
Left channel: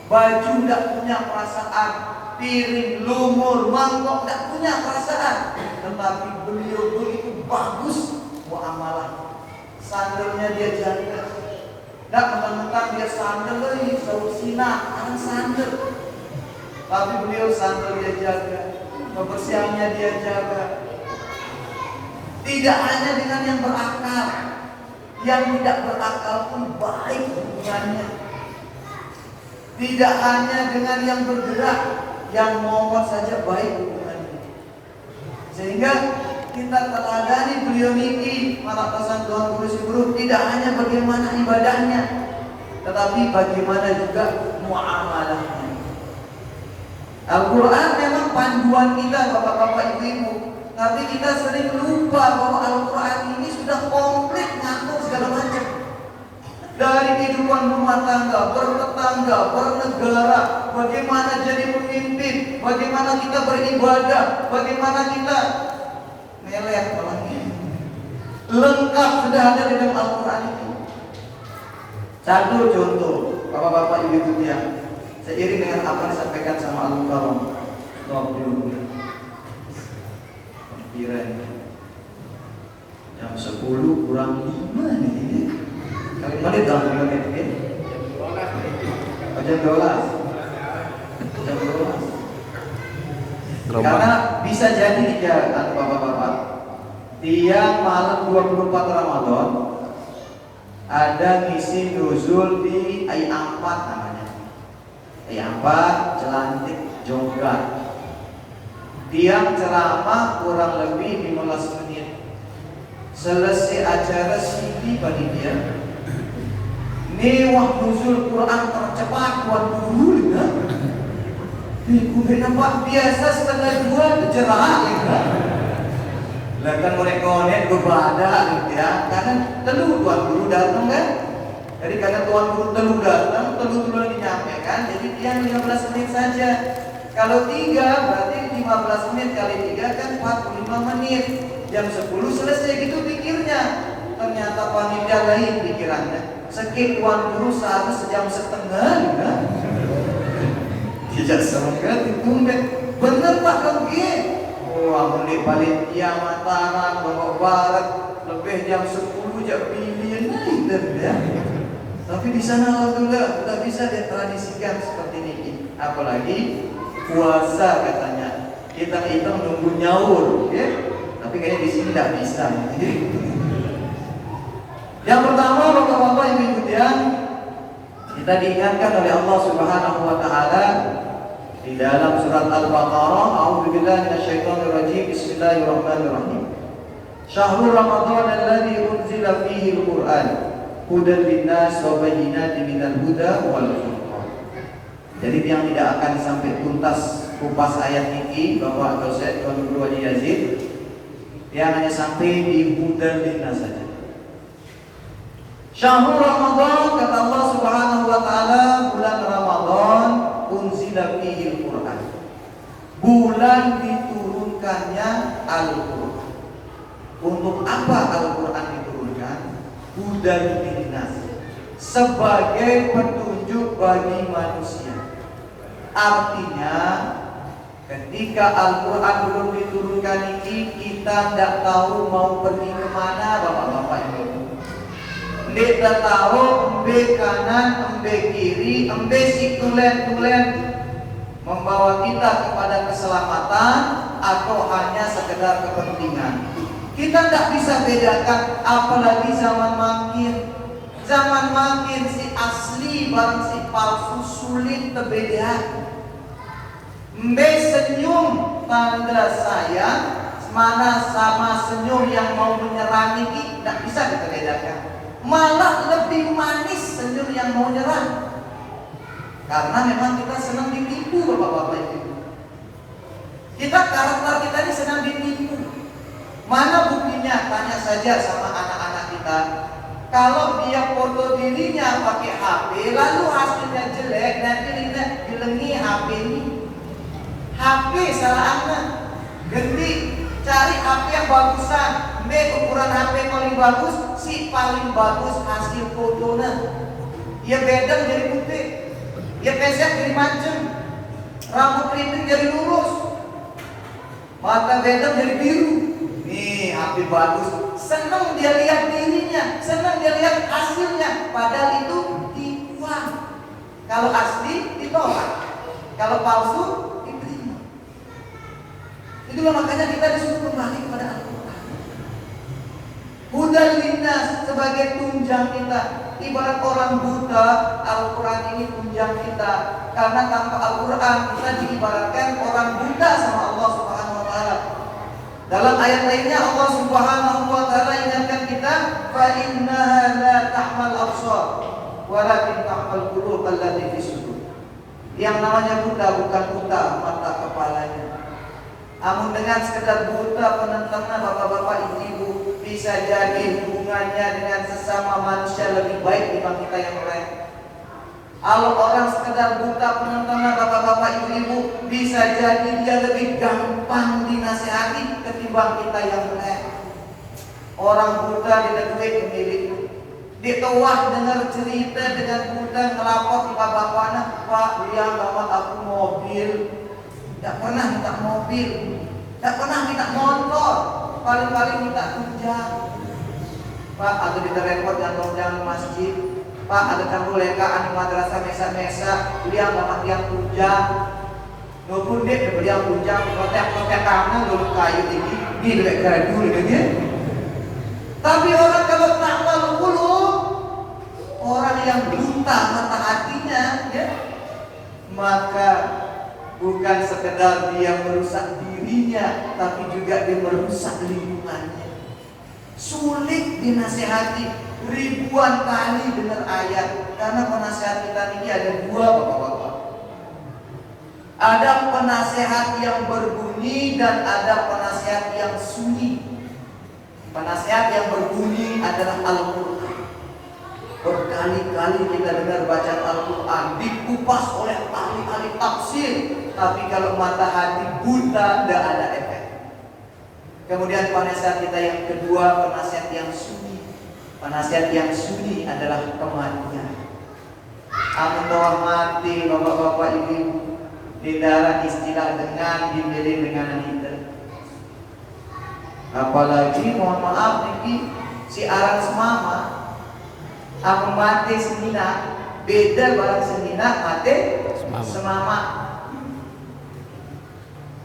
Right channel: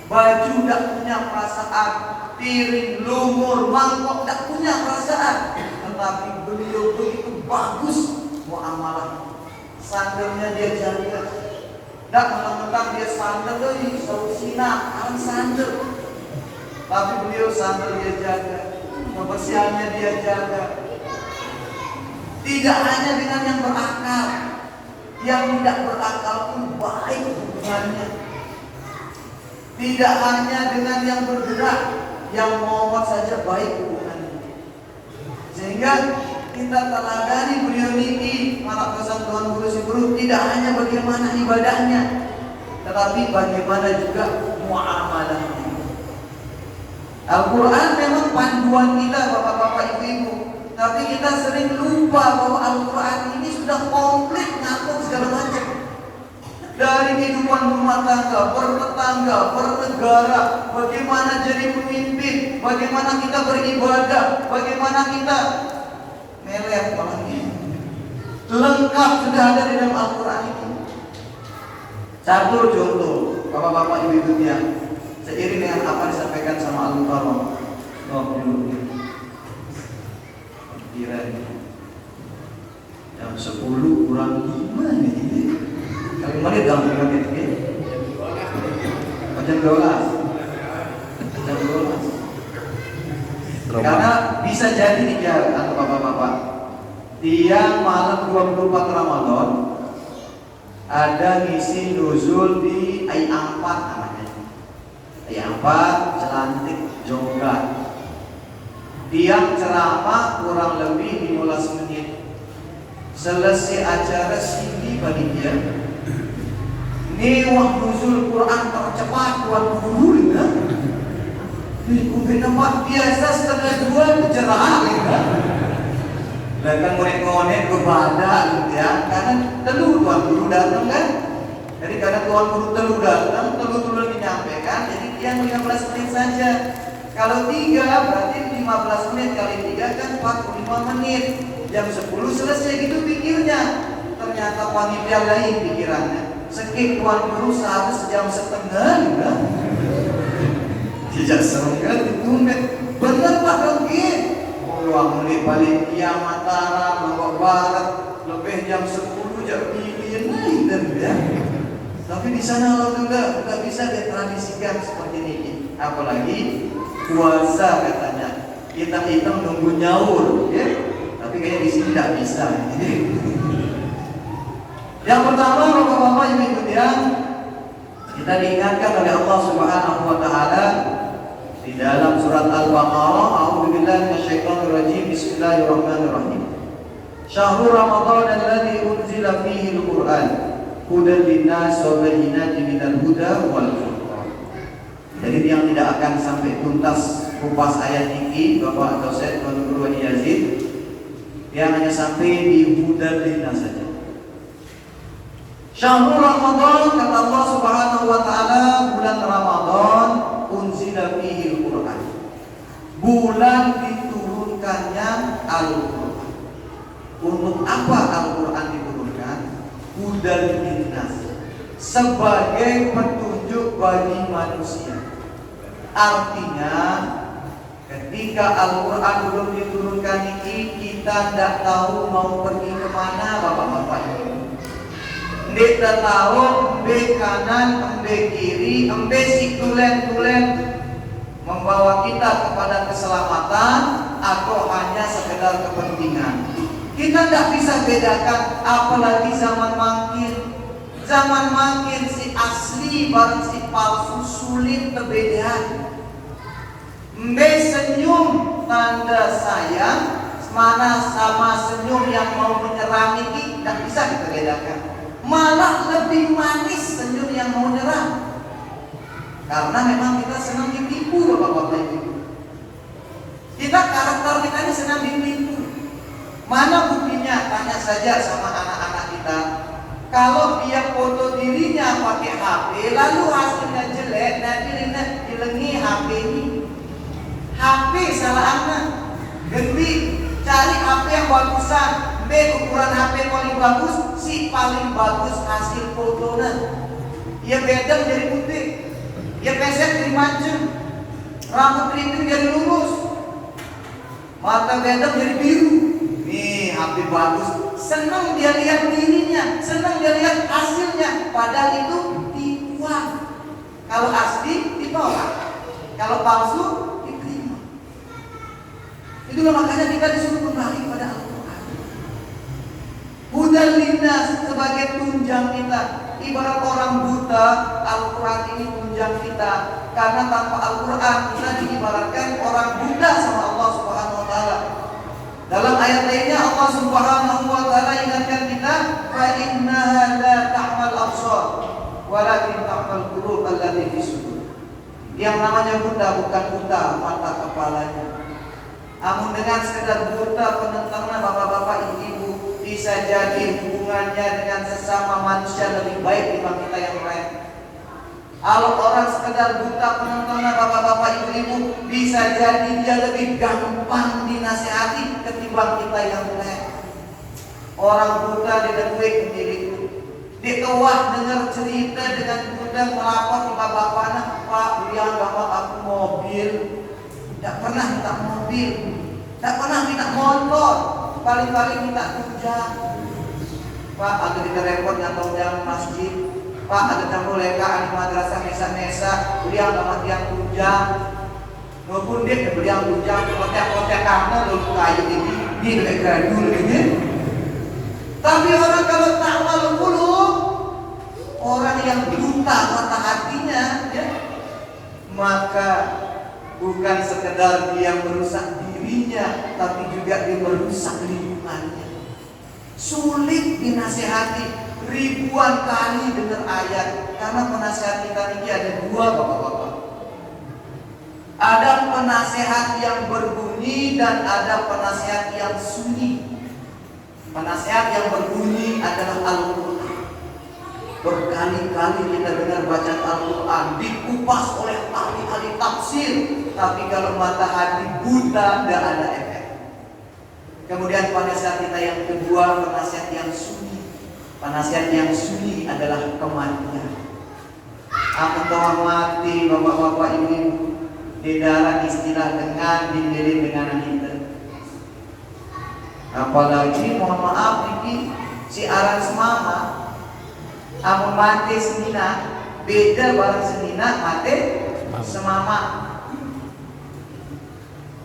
baju tidak punya perasaan, piring, lumur, mangkok tidak punya perasaan. Tetapi beliau begitu bagus muamalah. Sandalnya dia jaga. Tidak mentang-mentang dia sandal, sausina, kan sandal. Tapi beliau sandal dia jaga, kebersihannya dia jaga. Tidak hanya dengan yang berakal, yang tidak berakal pun baik hubungannya. Tidak hanya dengan yang bergerak, yang momot saja baik hubungannya. Sehingga kita teladani beliau ini, para pesan Tuhan Kudus Guru, tidak hanya bagaimana ibadahnya, tetapi bagaimana juga muamalahnya. Al-Quran memang panduan kita, bapak-bapak, ibu-ibu. Tapi kita sering lupa bahwa Al-Quran ini sudah komplit ngatur segala macam. Dari kehidupan rumah tangga, bertetangga, bernegara, bagaimana jadi pemimpin, bagaimana kita beribadah, bagaimana kita melek orangnya. Lengkap sudah ada di dalam Al-Quran ini. Satu contoh, bapak-bapak ibu-ibu yang seiring dengan apa yang disampaikan sama Al-Quran 20 menit. Jam 10 kurang 5 ini. Kali menit dalam menit ya. Jam 12. Jam 12. Karena bisa jadi nih bapak-bapak. Tiang malam 24 Ramadan ada ngisi nuzul di ayat 4 namanya. Ayat 4 celantik jonggat. Tiang ceramah kurang lebih 15 menit. Selesai acara sini bagi dia. Ini waktu nuzul Quran tercepat buat guru ya. Mungkin nampak biasa setengah 2 cerah ya. Dan kan mereka kepada gitu ya. Karena telu tuan guru datang kan. Jadi karena tuan guru telu datang, telu menyampaikan. Jadi tiang 15 menit saja. Kalau 3 berarti 15 menit kali 3 kan 45 menit. Jam 10 selesai gitu pikirnya. Ternyata panitia lain pikirannya. Sekik tuan guru sejam setengah juga. Tidak setengah ditunda. Bener Pak Rogi. Oh, menit balik tiang Mataram, Lombok Barat, lebih jam 10 jam pilihan dan ya. Tapi di sana udah bisa ditradisikan seperti ini. Apalagi puasa katanya. Kita hitung nunggu nyaur, ya. Tapi kayaknya di sini tidak bisa. Yang pertama, bapak-bapak ibu yang kita diingatkan oleh Allah Subhanahu wa taala di dalam surat Al-Baqarah, a'udzubillahi minasyaitonir rajim. Bismillahirrahmanirrahim. Syahrul Ramadan alladzi unzila fihi al-Qur'an hudan linnas wa bayyinatin minal huda wal furqan. Jadi yang tidak akan sampai tuntas kupas ayat ini Bapak Dosen Guru Haji Yazid, dia hanya sampai di hudan linnas saja. Syahrul Ramadan, kata Allah Subhanahu wa taala, bulan Ramadan unzila fihi al-Qur'an. Bulan diturunkannya Al-Qur'an. Untuk apa Al-Quran diturunkan? Hudan linnas, sebagai petunjuk bagi manusia. Artinya ketika Al-Quran belum diturunkan ini, kita tidak tahu mau pergi kemana bapak-bapak ini. Tidak tahu embe kanan, embe kiri, embe si tulen-tulen membawa kita kepada keselamatan atau hanya sekedar kepentingan. Kita tidak bisa bedakan, apalagi zaman makin. Zaman makin si asli bareng si palsu sulit perbedaan. Mbe senyum tanda sayang, mana sama senyum yang mau menyerang ini tidak bisa kita bedakan. Malah lebih manis senyum yang mau nyerang. Karena memang kita senang ditipu bapak-bapak itu. Kita karakter kita ini senang ditipu. Mana buktinya? Tanya saja sama anak-anak kita. Kalau dia foto dirinya pakai HP, lalu hasilnya jelek, nanti dilengi HP ini. HP salah anak. Jadi cari HP yang bagusan. Ukuran HP paling bagus, si paling bagus hasil fotonya. Ya beda jadi putih, ya pesek jadi macem, rambut keriting jadi lurus, mata beda jadi biru. Nih HP bagus, senang dia lihat dirinya, senang dia lihat hasilnya. Padahal itu tipuan. Kalau asli ditolak, kalau palsu diterima. Itulah makanya kita disuruh kembali kepada Al-Quran. Hudan linnas, sebagai tunjang kita. Ibarat orang buta, Al-Quran ini tunjang kita. Karena tanpa Al-Quran kita diibaratkan orang buta sama Allah Subhanahu wa taala. Dalam ayat lainnya Allah Subhanahu wa taala ingatkan kita, fa innaha la ta'mal absar walakin ta'mal qulub allati fi sudur. Yang namanya buta bukan buta mata kepalanya. Namun dengan sekedar buta penentangnya bapak-bapak ibu, bisa jadi hubungannya dengan sesama manusia lebih baik dibanding kita yang lain. Kalau orang sekedar buta penontonnya bapak-bapak ibu-ibu, bisa jadi dia lebih gampang dinasehati ketimbang kita yang lain. Orang buta didekui pemilik, ditewah dengar cerita dengan buta ngelapor ke bapaknya, Pak bilang bapak aku mobil, tidak pernah minta mobil, tidak pernah minta motor, paling-paling minta tunjang. Pak aku diterepot ngantong jam masjid. Pak ada campur lekaan di madrasah mesa-mesa, beliau banget yang tunjang. Nopun dek beliau tunjang, kotek-kotek karena dulu kayu ini lebih keren dulu gitu. Tapi orang kalau tak malu orang yang buta mata hatinya, ya, maka bukan sekedar dia merusak dirinya, tapi juga dia merusak lingkungannya. Sulit dinasehati. Ribuan kali dengar ayat, karena penasihat kita ini ada dua bapak-bapak. Ada penasehat yang berbunyi dan ada penasehat yang sunyi. Penasehat yang berbunyi adalah Al-Quran. Berkali-kali kita dengar baca Al-Quran dikupas oleh ahli-ahli tafsir, tapi kalau mata hati buta tidak ada efek. Kemudian penasihat kita yang kedua, penasihat yang sunyi. Penasihat yang sunyi adalah kematian. Amun bahwa mati bapak-bapak ibu di dalam istilah dengan dinding dengan kita. Apalagi mohon maaf ini si arang semama. Amun mati senina beda barang senina mati semama.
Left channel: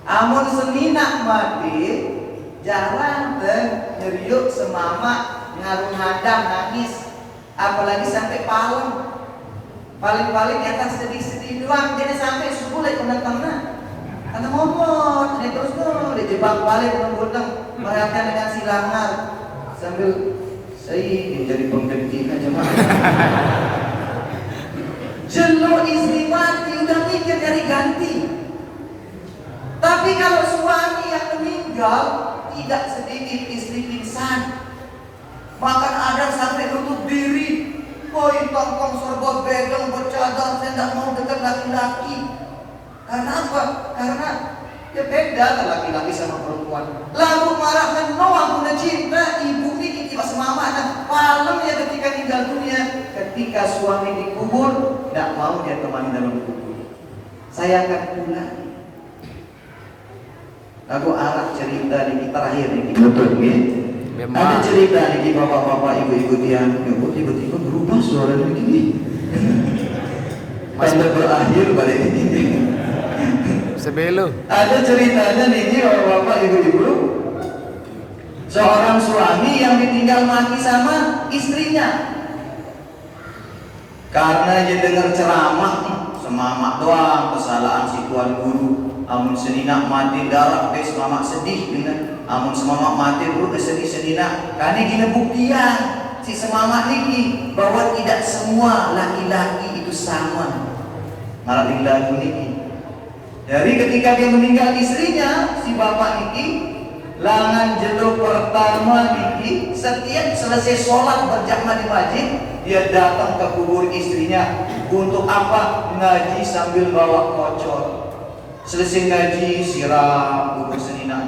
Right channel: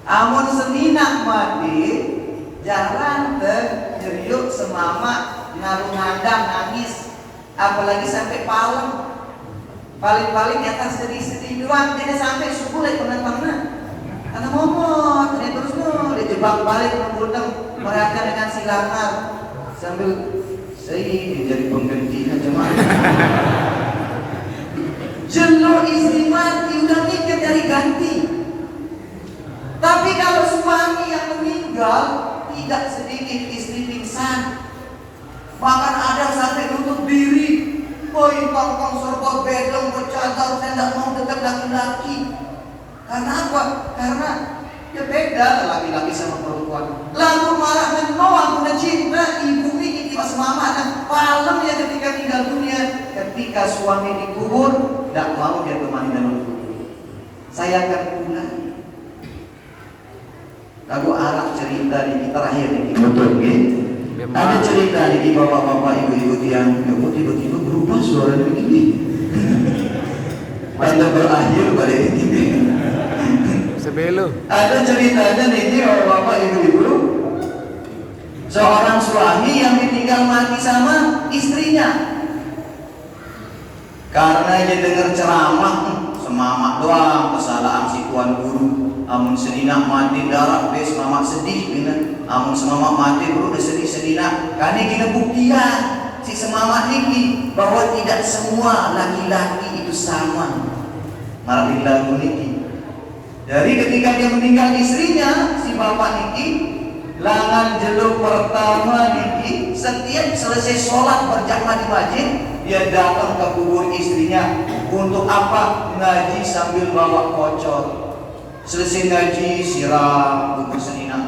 Amun senina mati jalan nyeriuk semama ngaruh ngadang nangis, apalagi sampai palem. Paling-paling ya kan sedih-sedih doang, jadi sampai subuh lagi penentangnya. Karena ngomong, ini terus dijebak balik menurutnya merayakan dengan silangan sambil saya jadi pengganti aja mah. Jelur istri mati udah mikir dari ganti. Tapi kalau suami yang meninggal, tidak sedikit istri pingsan. Bahkan ada sampai nutup diri. Woi, tongkong serba begang bercadar, saya tidak mau dekat laki-laki. Karena apa? Karena ya beda laki-laki sama perempuan. Lalu marah menolak punya cinta, ibu ini kita semama dan malam ya ketika tinggal dunia. Ketika suami dikubur, tidak mau dia temani dalam kubur. Sayangkan pula. Lagu Arab cerita di terakhir ini betul gitu. Ada cerita di bapak-bapak ibu-ibu yang tiba-tiba berubah suara begini. Pada berakhir balik begini. Sebelum Ada ceritanya nih bapak ibu-ibu. Seorang suami yang ditinggal mati sama istrinya. Karena dia dengar ceramah semangat doang kesalahan si tuan guru. Amun sedina mati darah bes mama sedih dengan amun semangat mati bro sedih sedina. Karena kita buktian si semangat niki bahwa tidak semua laki-laki itu sama. Malah lagu niki. Dari ketika dia meninggal istrinya si bapak niki langan jeluk pertama niki setiap selesai sholat berjamaah di masjid dia datang ke kubur istrinya untuk apa? Ngaji sambil bawa kocor. Selesai ngaji siram kubur senina.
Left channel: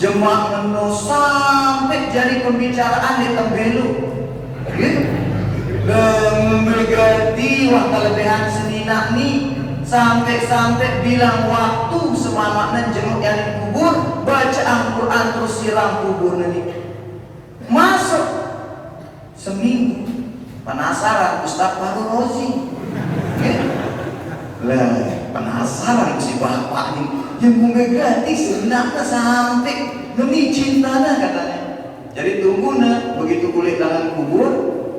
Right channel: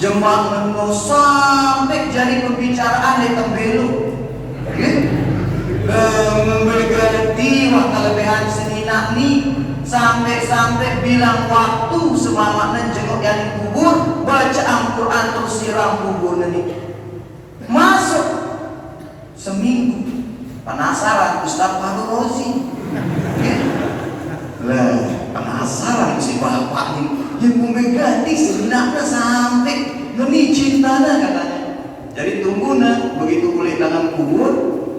Jemaah menu sampai jadi pembicaraan di tembelu. Berganti waktu lebihan senina nih sampai bilang waktu semangatnya jenguk yang kubur baca Al-Quran terus siram kubur ini. Masuk seminggu penasaran Ustaz Fahru Rozi. Lah penasaran si bapak ini yang mengganti sebenarnya sampai demi cintanya katanya. Jadi tunggu begitu boleh dalam kubur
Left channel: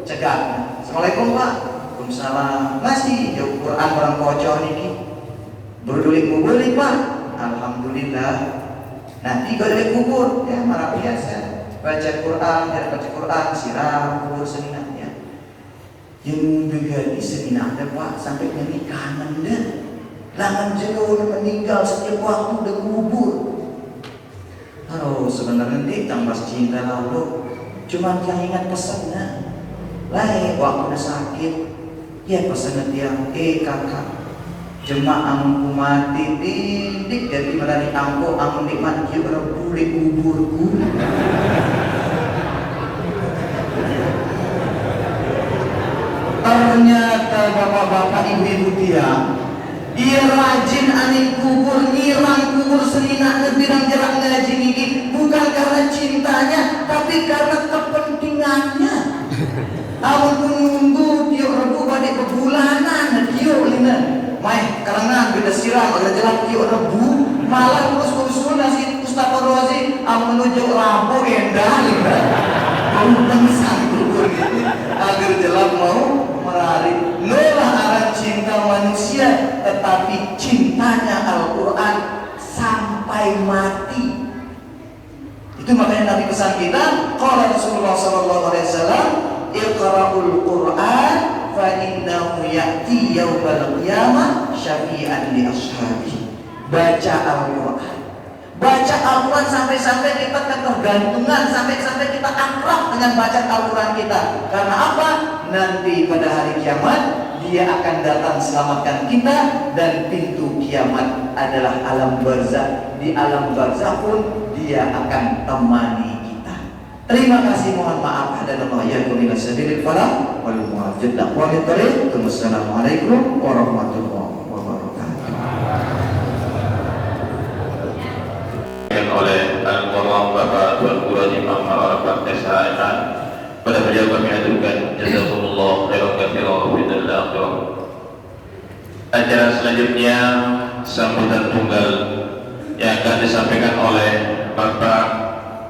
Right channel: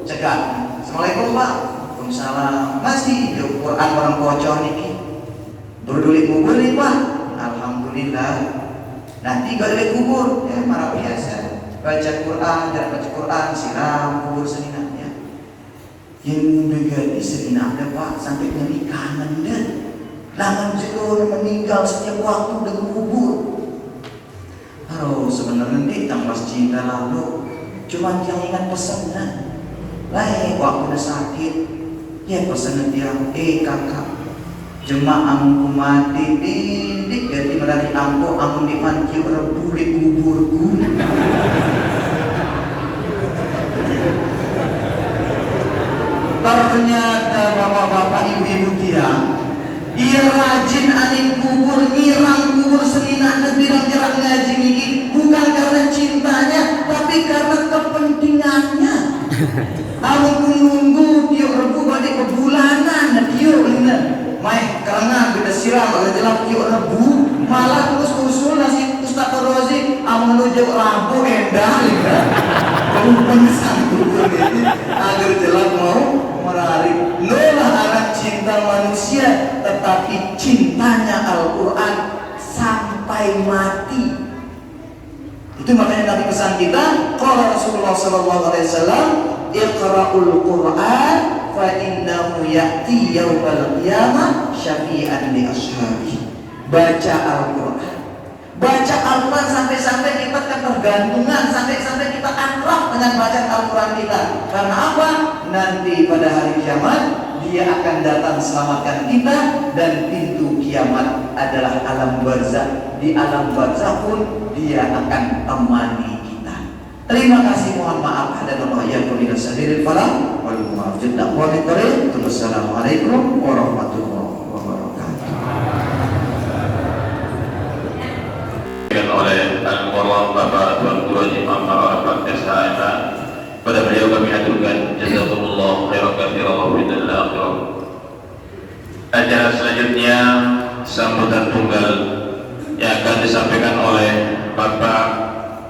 cegah. Assalamualaikum Pak. Waalaikumsalam. Masih di Quran orang kocor ini. Berdulik kubur nih Pak. Alhamdulillah. Nanti balik kubur ya marah biasa. Baca Quran, dari baca Quran siram kubur seninanya. Yang mengganti seninanya Pak sampai menikah anda. Langan jelur meninggal setiap waktu di kubur. Aduh sebenarnya kita mas cinta lalu cuma yang ingat pesannya. Lah waktu udah sakit ya pesannya dia kakak jemaah aku mati didik jadi merari angko aku dimanji rebu di kuburku. Ternyata bapak-bapak ibu-ibu dia rajin anin kubur, nyiram kubur selingan lebih jerak ngaji ini bukan karena cintanya, tapi karena kepentingannya. Aku menunggu dia rebu balik kebulanan, dia lina, mai karena beda siram kalau jelas dia rebu, malah usul nasi Ustaz Rozi, aku menuju rabu endah lina, kamu pengisan kubur gitu, agar jelas mau menarik, nolah anak cinta manusia. Tetapi cintanya Al-Quran sampai mati. Itu makanya Nabi pesan kita, qala Rasulullah sallallahu alaihi wasallam, iqra'ul Qur'an fa innahu ya'ti yaumal qiyamah syafi'an li ashabi. Baca Al-Quran. Baca Al-Quran sampai-sampai kita ketergantungan, sampai-sampai kita akrab dengan bacaan Al-Quran kita. Karena apa? Nanti pada hari kiamat dia akan datang selamatkan kita dan pintu kiamat adalah alam barzakh. Di alam barzakh pun dia akan temani kita. Terima kasih, mohon maaf ada yang kulina sabilil falah wal muwaffiq wa bittariq. Wassalamualaikum warahmatullahi wabarakatuh. Oleh Al-Quran Bapak Tuan Guru Haji Muhammad Arafat SHMH, pada beliau kami aturkan jazakumullah khairan katsiran wa fil akhirah. Acara selanjutnya sambutan tunggal yang akan disampaikan oleh Bapak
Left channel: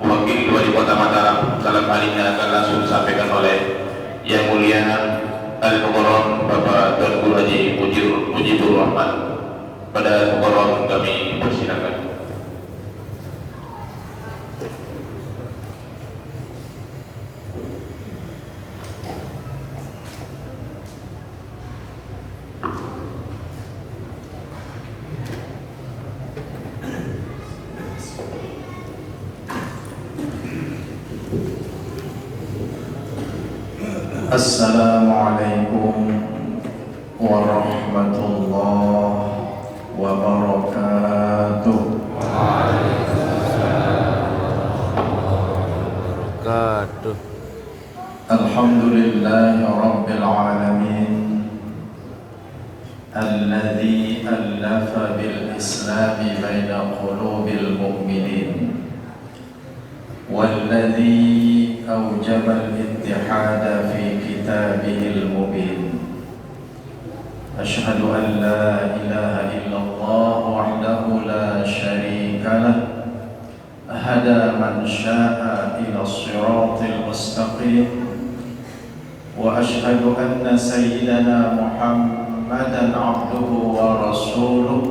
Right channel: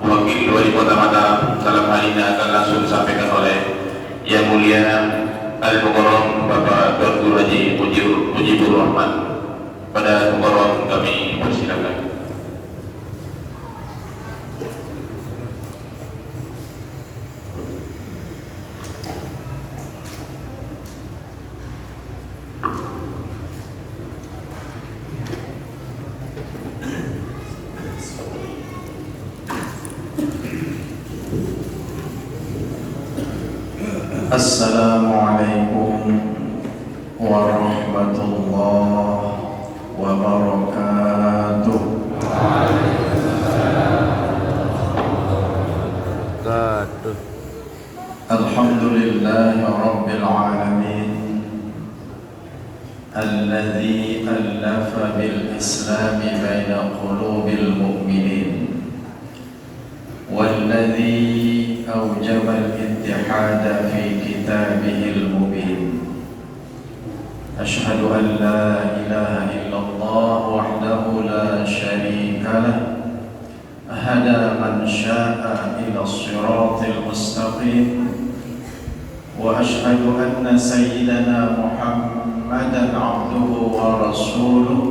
Wakil Wali Kota Mataram. Dalam hal ini akan langsung disampaikan oleh Yang Mulia Al-Mukarram Bapak Tuan Guru Haji Mujibur Rahman. Pada Mukarram kami persilakan. Assalamualaikum warahmatullahi wabarakatuh. Katuh. Alhamdulillahi rabbil alamin alladzi allafa bil islami baina qulubil mu'minin walladzi awjaba al-ittihada fi kitabihil mubin. Ashhadu an la ilaha illallah wahdahu la syarika lah hada man syaa ila siratil mustaqim wa ashhadu anna sayyidana Muhammadan abduhu wa rasuluh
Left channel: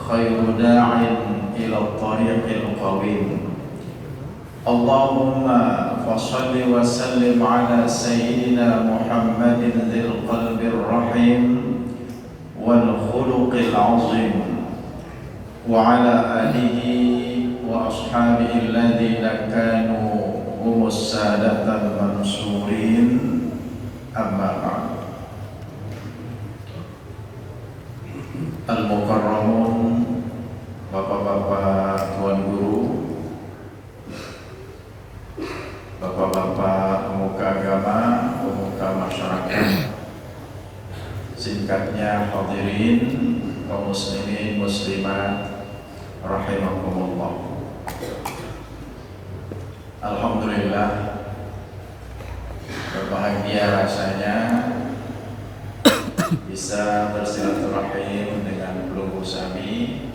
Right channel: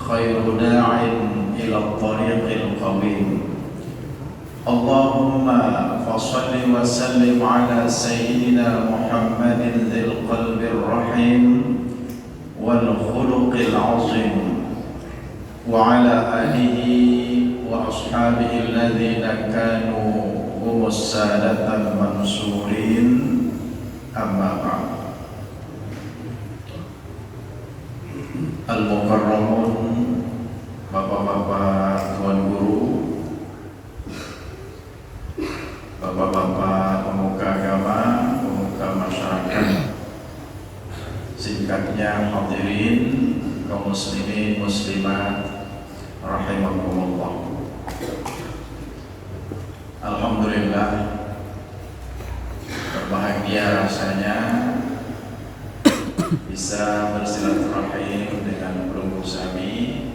khairu da'in ila tariqil qawim. Allahumma fassalli wa sallim ala sayyidina Muhammadin dzil qalbir rahim wal khuluqil azim wa ala alihi wa ashabihi alladhina kanu humus sadatal mansurin. Amma ba'd. Al-mukarramun, bapak-bapak tuan guru, bapak-bapak pemuka agama, pemuka masyarakat, singkatnya hadirin kaum muslimin muslimat rahimakumullah. Alhamdulillah, berbahagia rasanya bisa bersilaturahim dengan Pelunggu Sami,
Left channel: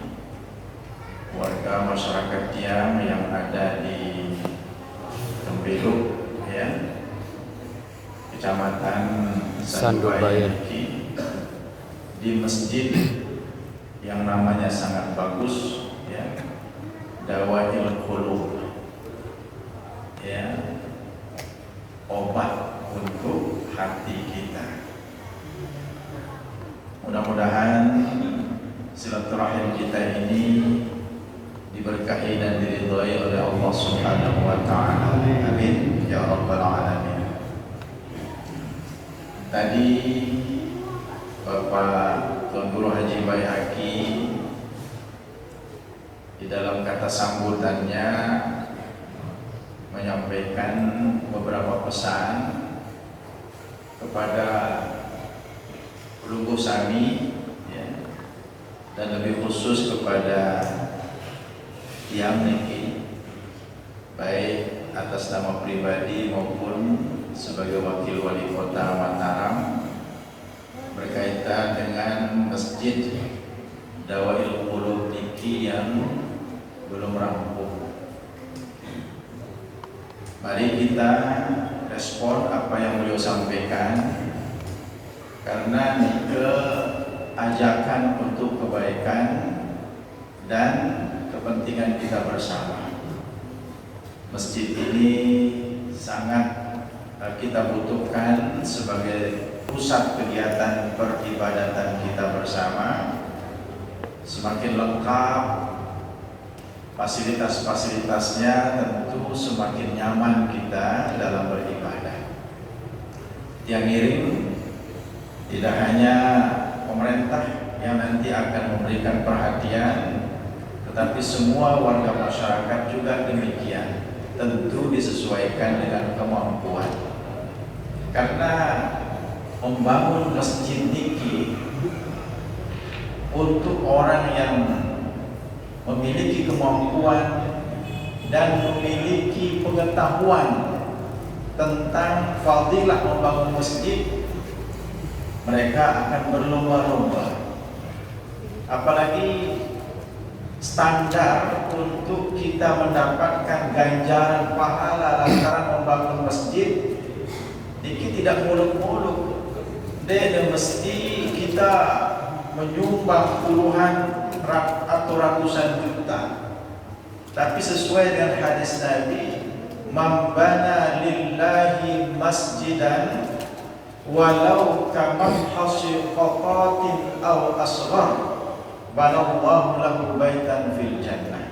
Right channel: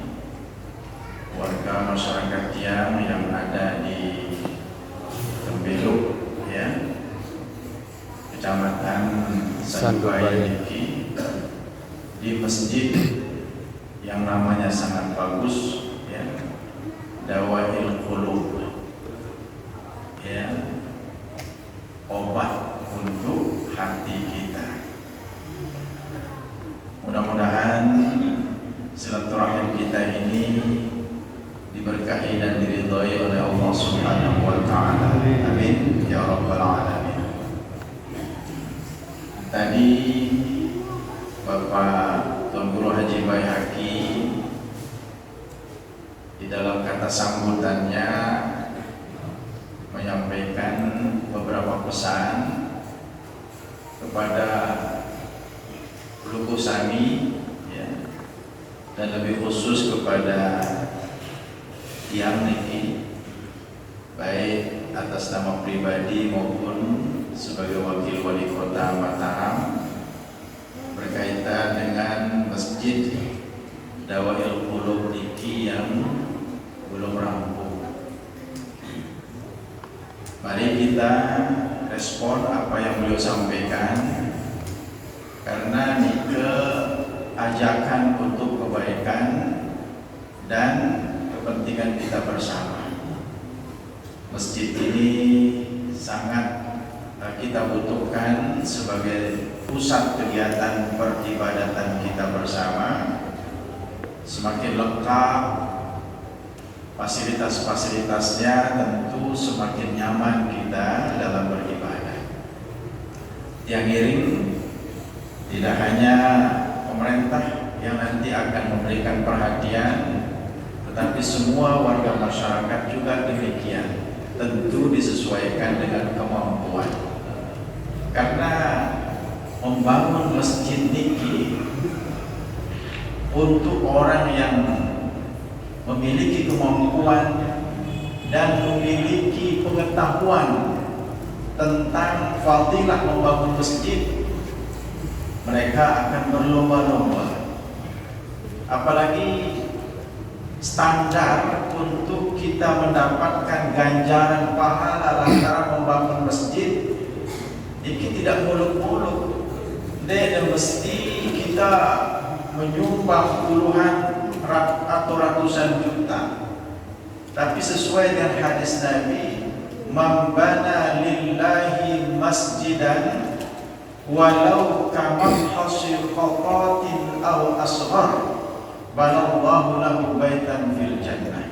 warga masyarakat Tiang yang ada di Tembeluk, ya, Kecamatan Sandurbaya, di masjid yang namanya sangat bagus, ya, Dawail Qulub, ya, obat untuk hati kita. Mudah-mudahan silaturahim kita ini diberkahi dan diridhai oleh Allah Subhanahu wa taala. Amin ya rabbal alamin. Tadi Bapak Tuan Guru Haji Baihaqi di dalam kata sambutannya menyampaikan beberapa pesan kepada Pelunggu Sami, ya, dan lebih khusus kepada Tiang niki, baik atas nama pribadi maupun sebagai wakil wali kota Mataram, berkaitan dengan masjid Dawail Qulub niki yang belum rampung. Mari kita respon apa yang beliau sampaikan, karena nike ajakan untuk kebaikan dan kepentingan kita bersama. Masjid ini sangat kita butuhkan sebagai pusat kegiatan peribadatan kita bersama. Semakin lengkap fasilitas-fasilitasnya, tentu semakin nyaman kita dalam beribadah. Yang miring tidak hanya pemerintah yang nanti akan memberikan perhatian, tetapi semua warga masyarakat juga demikian. Tentu disesuaikan dengan kemampuan. Karena membangun masjid niki untuk orang yang memiliki kemampuan dan memiliki pengetahuan tentang fadilah membangun masjid, mereka akan berlomba-lomba. Apalagi standar untuk kita mendapatkan ganjaran pahala lantaran membangun masjid, ini tidak muluk-muluk. Dan mesti kita menyumbang puluhan atau ratusan juta. Tapi sesuai dengan hadis Nabi, "Man bana lillahi masjidan walau kamafhasi qatatin aw asghar banallahu lahu baitan fil jannah."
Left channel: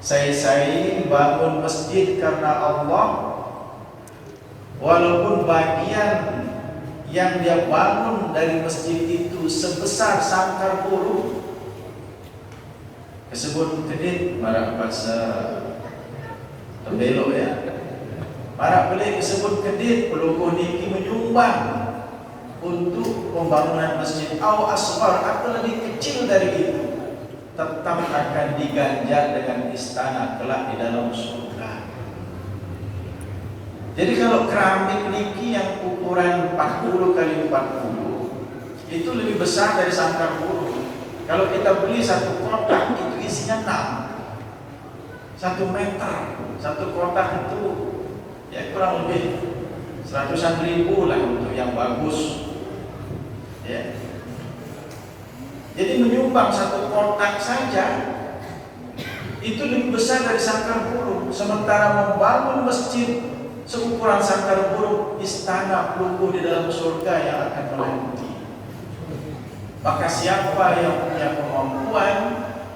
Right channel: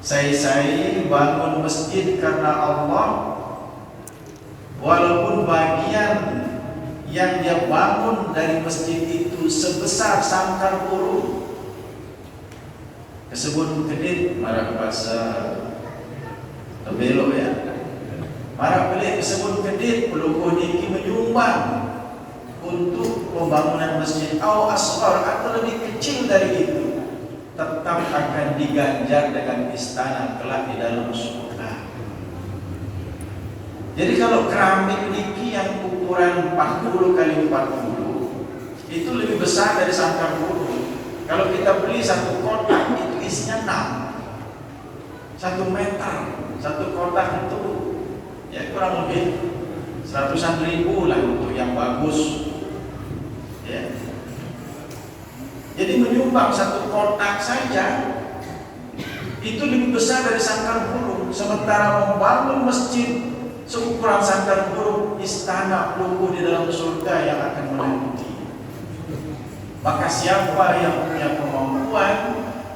Saya bangun masjid karena Allah, walaupun bagian yang dia bangun dari masjid itu sebesar sangkar burung, kesebut kedit marah bahasa Tembelo ya, marah pelik kesebut kedit pelukuh niki menyumbang untuk pembangunan masjid au asghar atau lebih kecil dari itu, tetap akan diganjar dengan istana kelak di dalam surga. Jadi kalau keramik niki yang ukuran 40 kali 40 itu lebih besar dari sangkar burung. Kalau kita beli satu kotak itu isinya 6, 1 meter satu kotak itu ya kurang lebih 100-an ribu lah untuk yang bagus ya. Jadi menyumbang satu kotak saja itu lebih besar dari sangkar burung, sementara membangun masjid seukuran sangkar burung, istana pelunggu di dalam surga yang akan meliputi. Maka siapa yang punya kemampuan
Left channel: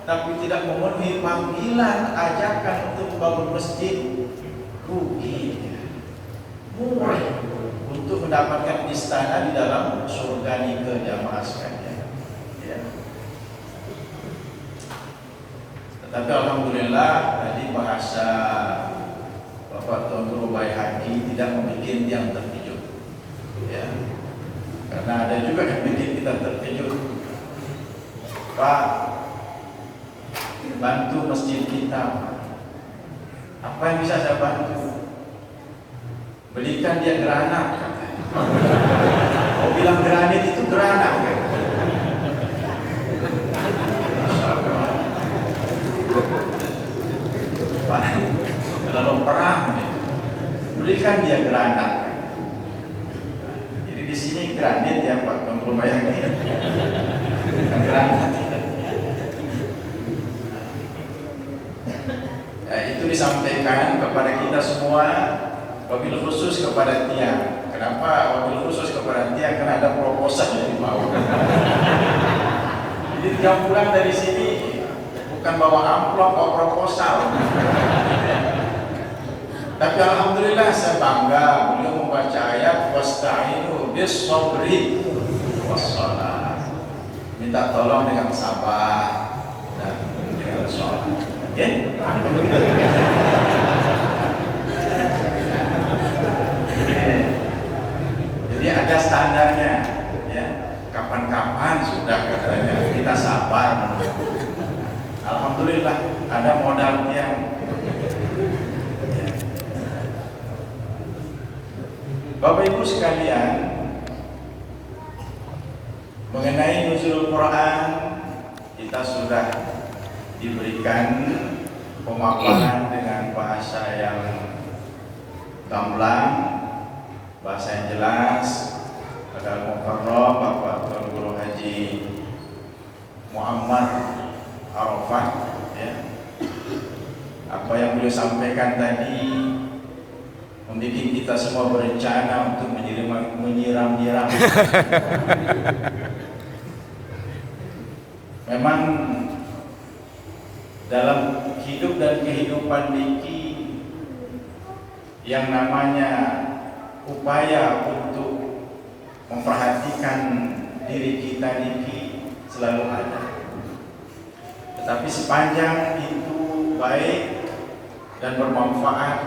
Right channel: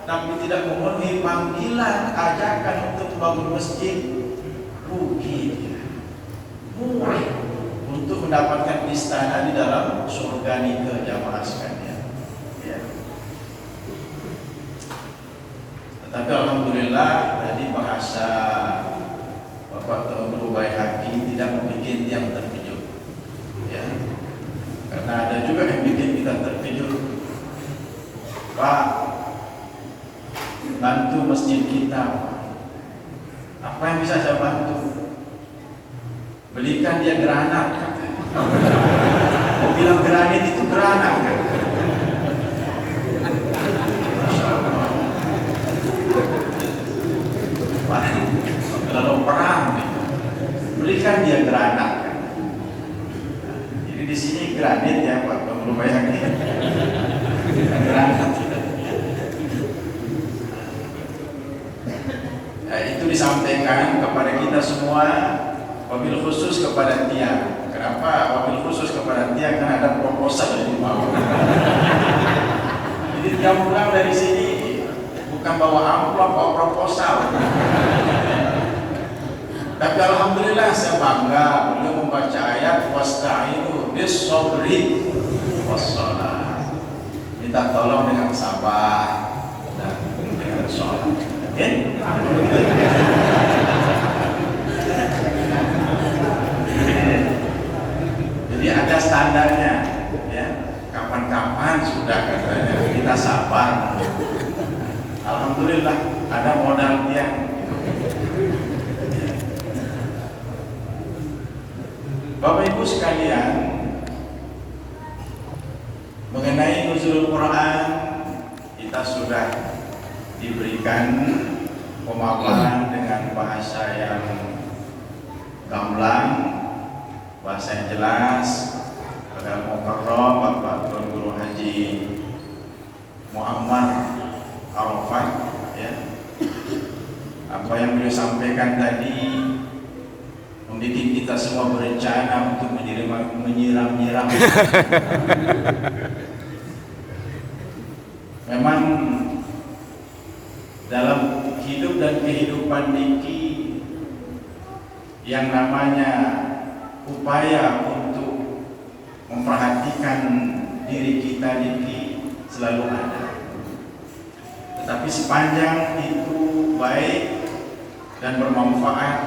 tapi tidak memenuhi panggilan ajakan untuk membangun masjid, rugi, murah untuk mendapatkan istana di dalam surga nika jamaah sekalian. Ya. Tetapi alhamdulillah tadi bahasa Bapak Tuan Guru Baihaqi tidak membuat yang terkejut, ya. Karena ada juga yang bikin kita terkejut. Pak, bantu masjid kita. Apa yang bisa saya bantu? Belikan dia granat. Mau bilang granit itu granat kan? Kalau perang, berikan dia granat. Jadi di sini granit ya Pak Guru Baihaqi. Granat. Ya, itu disampaikan kepada kita semua, wabil khusus kepada Tia. Kenapa wabil khusus kepada Tia? Karena ada proposal yang dibawa. Jadi dia pulang dari sini bukan bawa amplop, bawa proposal. Tapi alhamdulillah saya bangga beliau membaca ayat wasta'inu bis-sabri was-shalah. Minta tolong dengan sabar dan dengan sholat. Oke? Jadi ada standarnya, ya. Kapan-kapan sudah katanya kita sabar. Alhamdulillah ada modal yang Bapak Ibu sekalian, mengenai nuzul Quran kita sudah diberikan pemaparan dengan bahasa yang gamblang, bahasa yang jelas. Pada Mukarram Bapak Tuan Guru Haji Muhammad Arafat, ya. Apa yang beliau sampaikan tadi membuat kita semua berencana untuk menyiram-nyiram. Memang dalam hidup dan kehidupan niki yang namanya upaya untuk memperhatikan diri kita niki selalu ada. Tetapi sepanjang itu baik dan bermanfaat,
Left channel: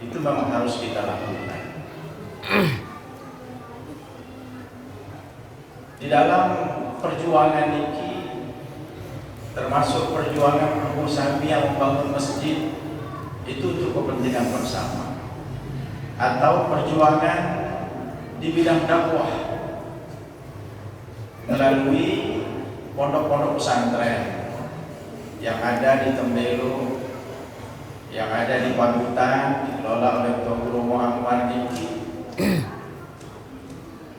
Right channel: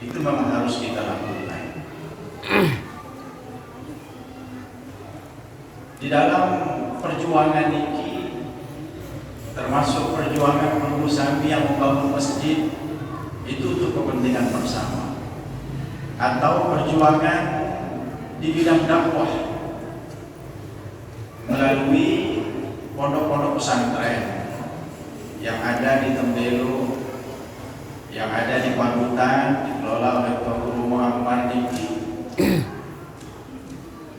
itu memang harus kita lakukan. Di dalam perjuangan niki, termasuk perjuangan Guru Sambi yang membangun masjid, itu untuk kepentingan bersama, atau perjuangan di bidang dakwah melalui pondok-pondok pesantren yang ada di Tembelo, yang ada di Panutan, dikelola oleh Tuan Guru Muhammad Diki.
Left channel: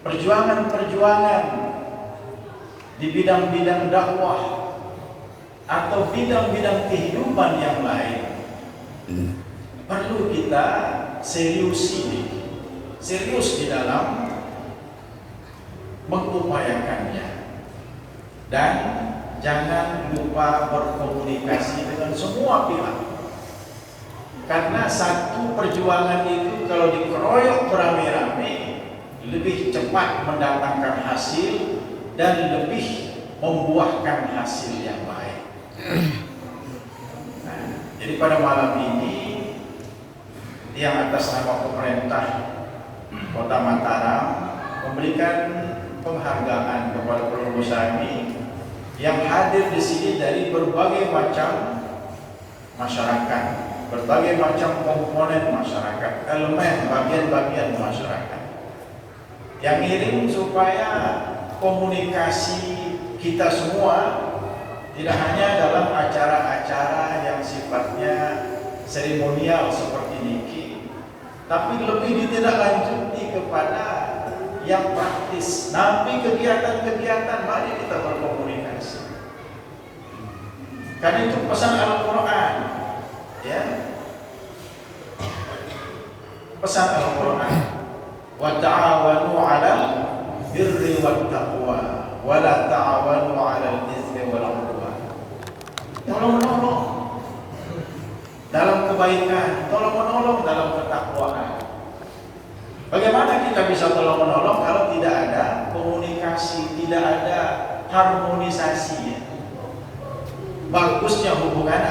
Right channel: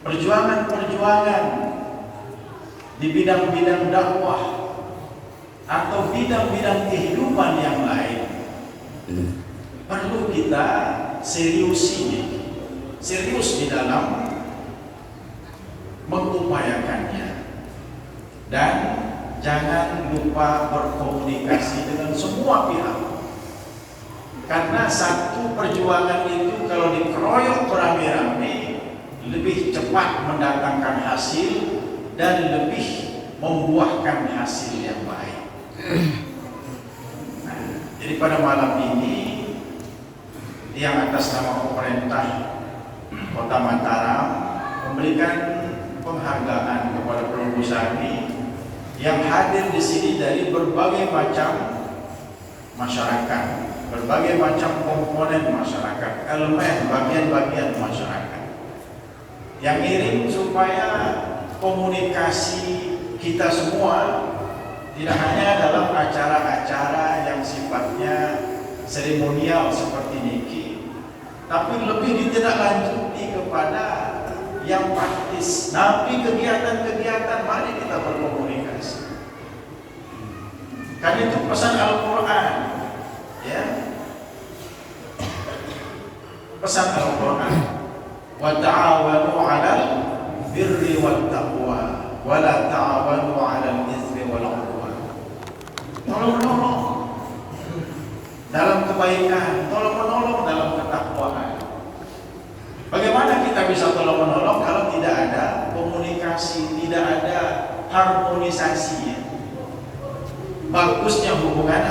Perjuangan-perjuangan di bidang-bidang dakwah atau bidang-bidang kehidupan yang lain perlu kita serius di dalam mengupayakannya, dan jangan lupa berkomunikasi dengan semua pihak. Karena satu perjuangan itu kalau dikeroyok beramai-ramai lebih cepat mendatangkan hasil dan lebih membuahkan hasil yang baik. Nah, jadi pada malam ini yang atas nama pemerintah Kota Mataram memberikan penghargaan kepada Pulau Busami yang hadir di sini dari berbagai macam masyarakat, berbagai macam komponen masyarakat, elemen bagian-bagian masyarakat, yang ingin supaya komunikasi kita semua tidak hanya dalam acara-acara yang sifatnya seremonial seperti niki, tapi lebih ditindaklanjuti kepada yang praktis. Nabi kegiatan-kegiatan, mari kita berkomunikasi. Karena itu pesan Al-Quran, ya, pesan Al-Quran, wa ta'awanu 'alal birri wat taqwa wa la ta'awanu 'alal itsmi wal 'udwan. Tolong-menolong dalam kebaikan, tolong-menolong dalam ketakwaan. Bagaimana kita bisa tolong-menolong kalau tidak ada komunikasi, tidak ada harmonisasi? Bagusnya hubungan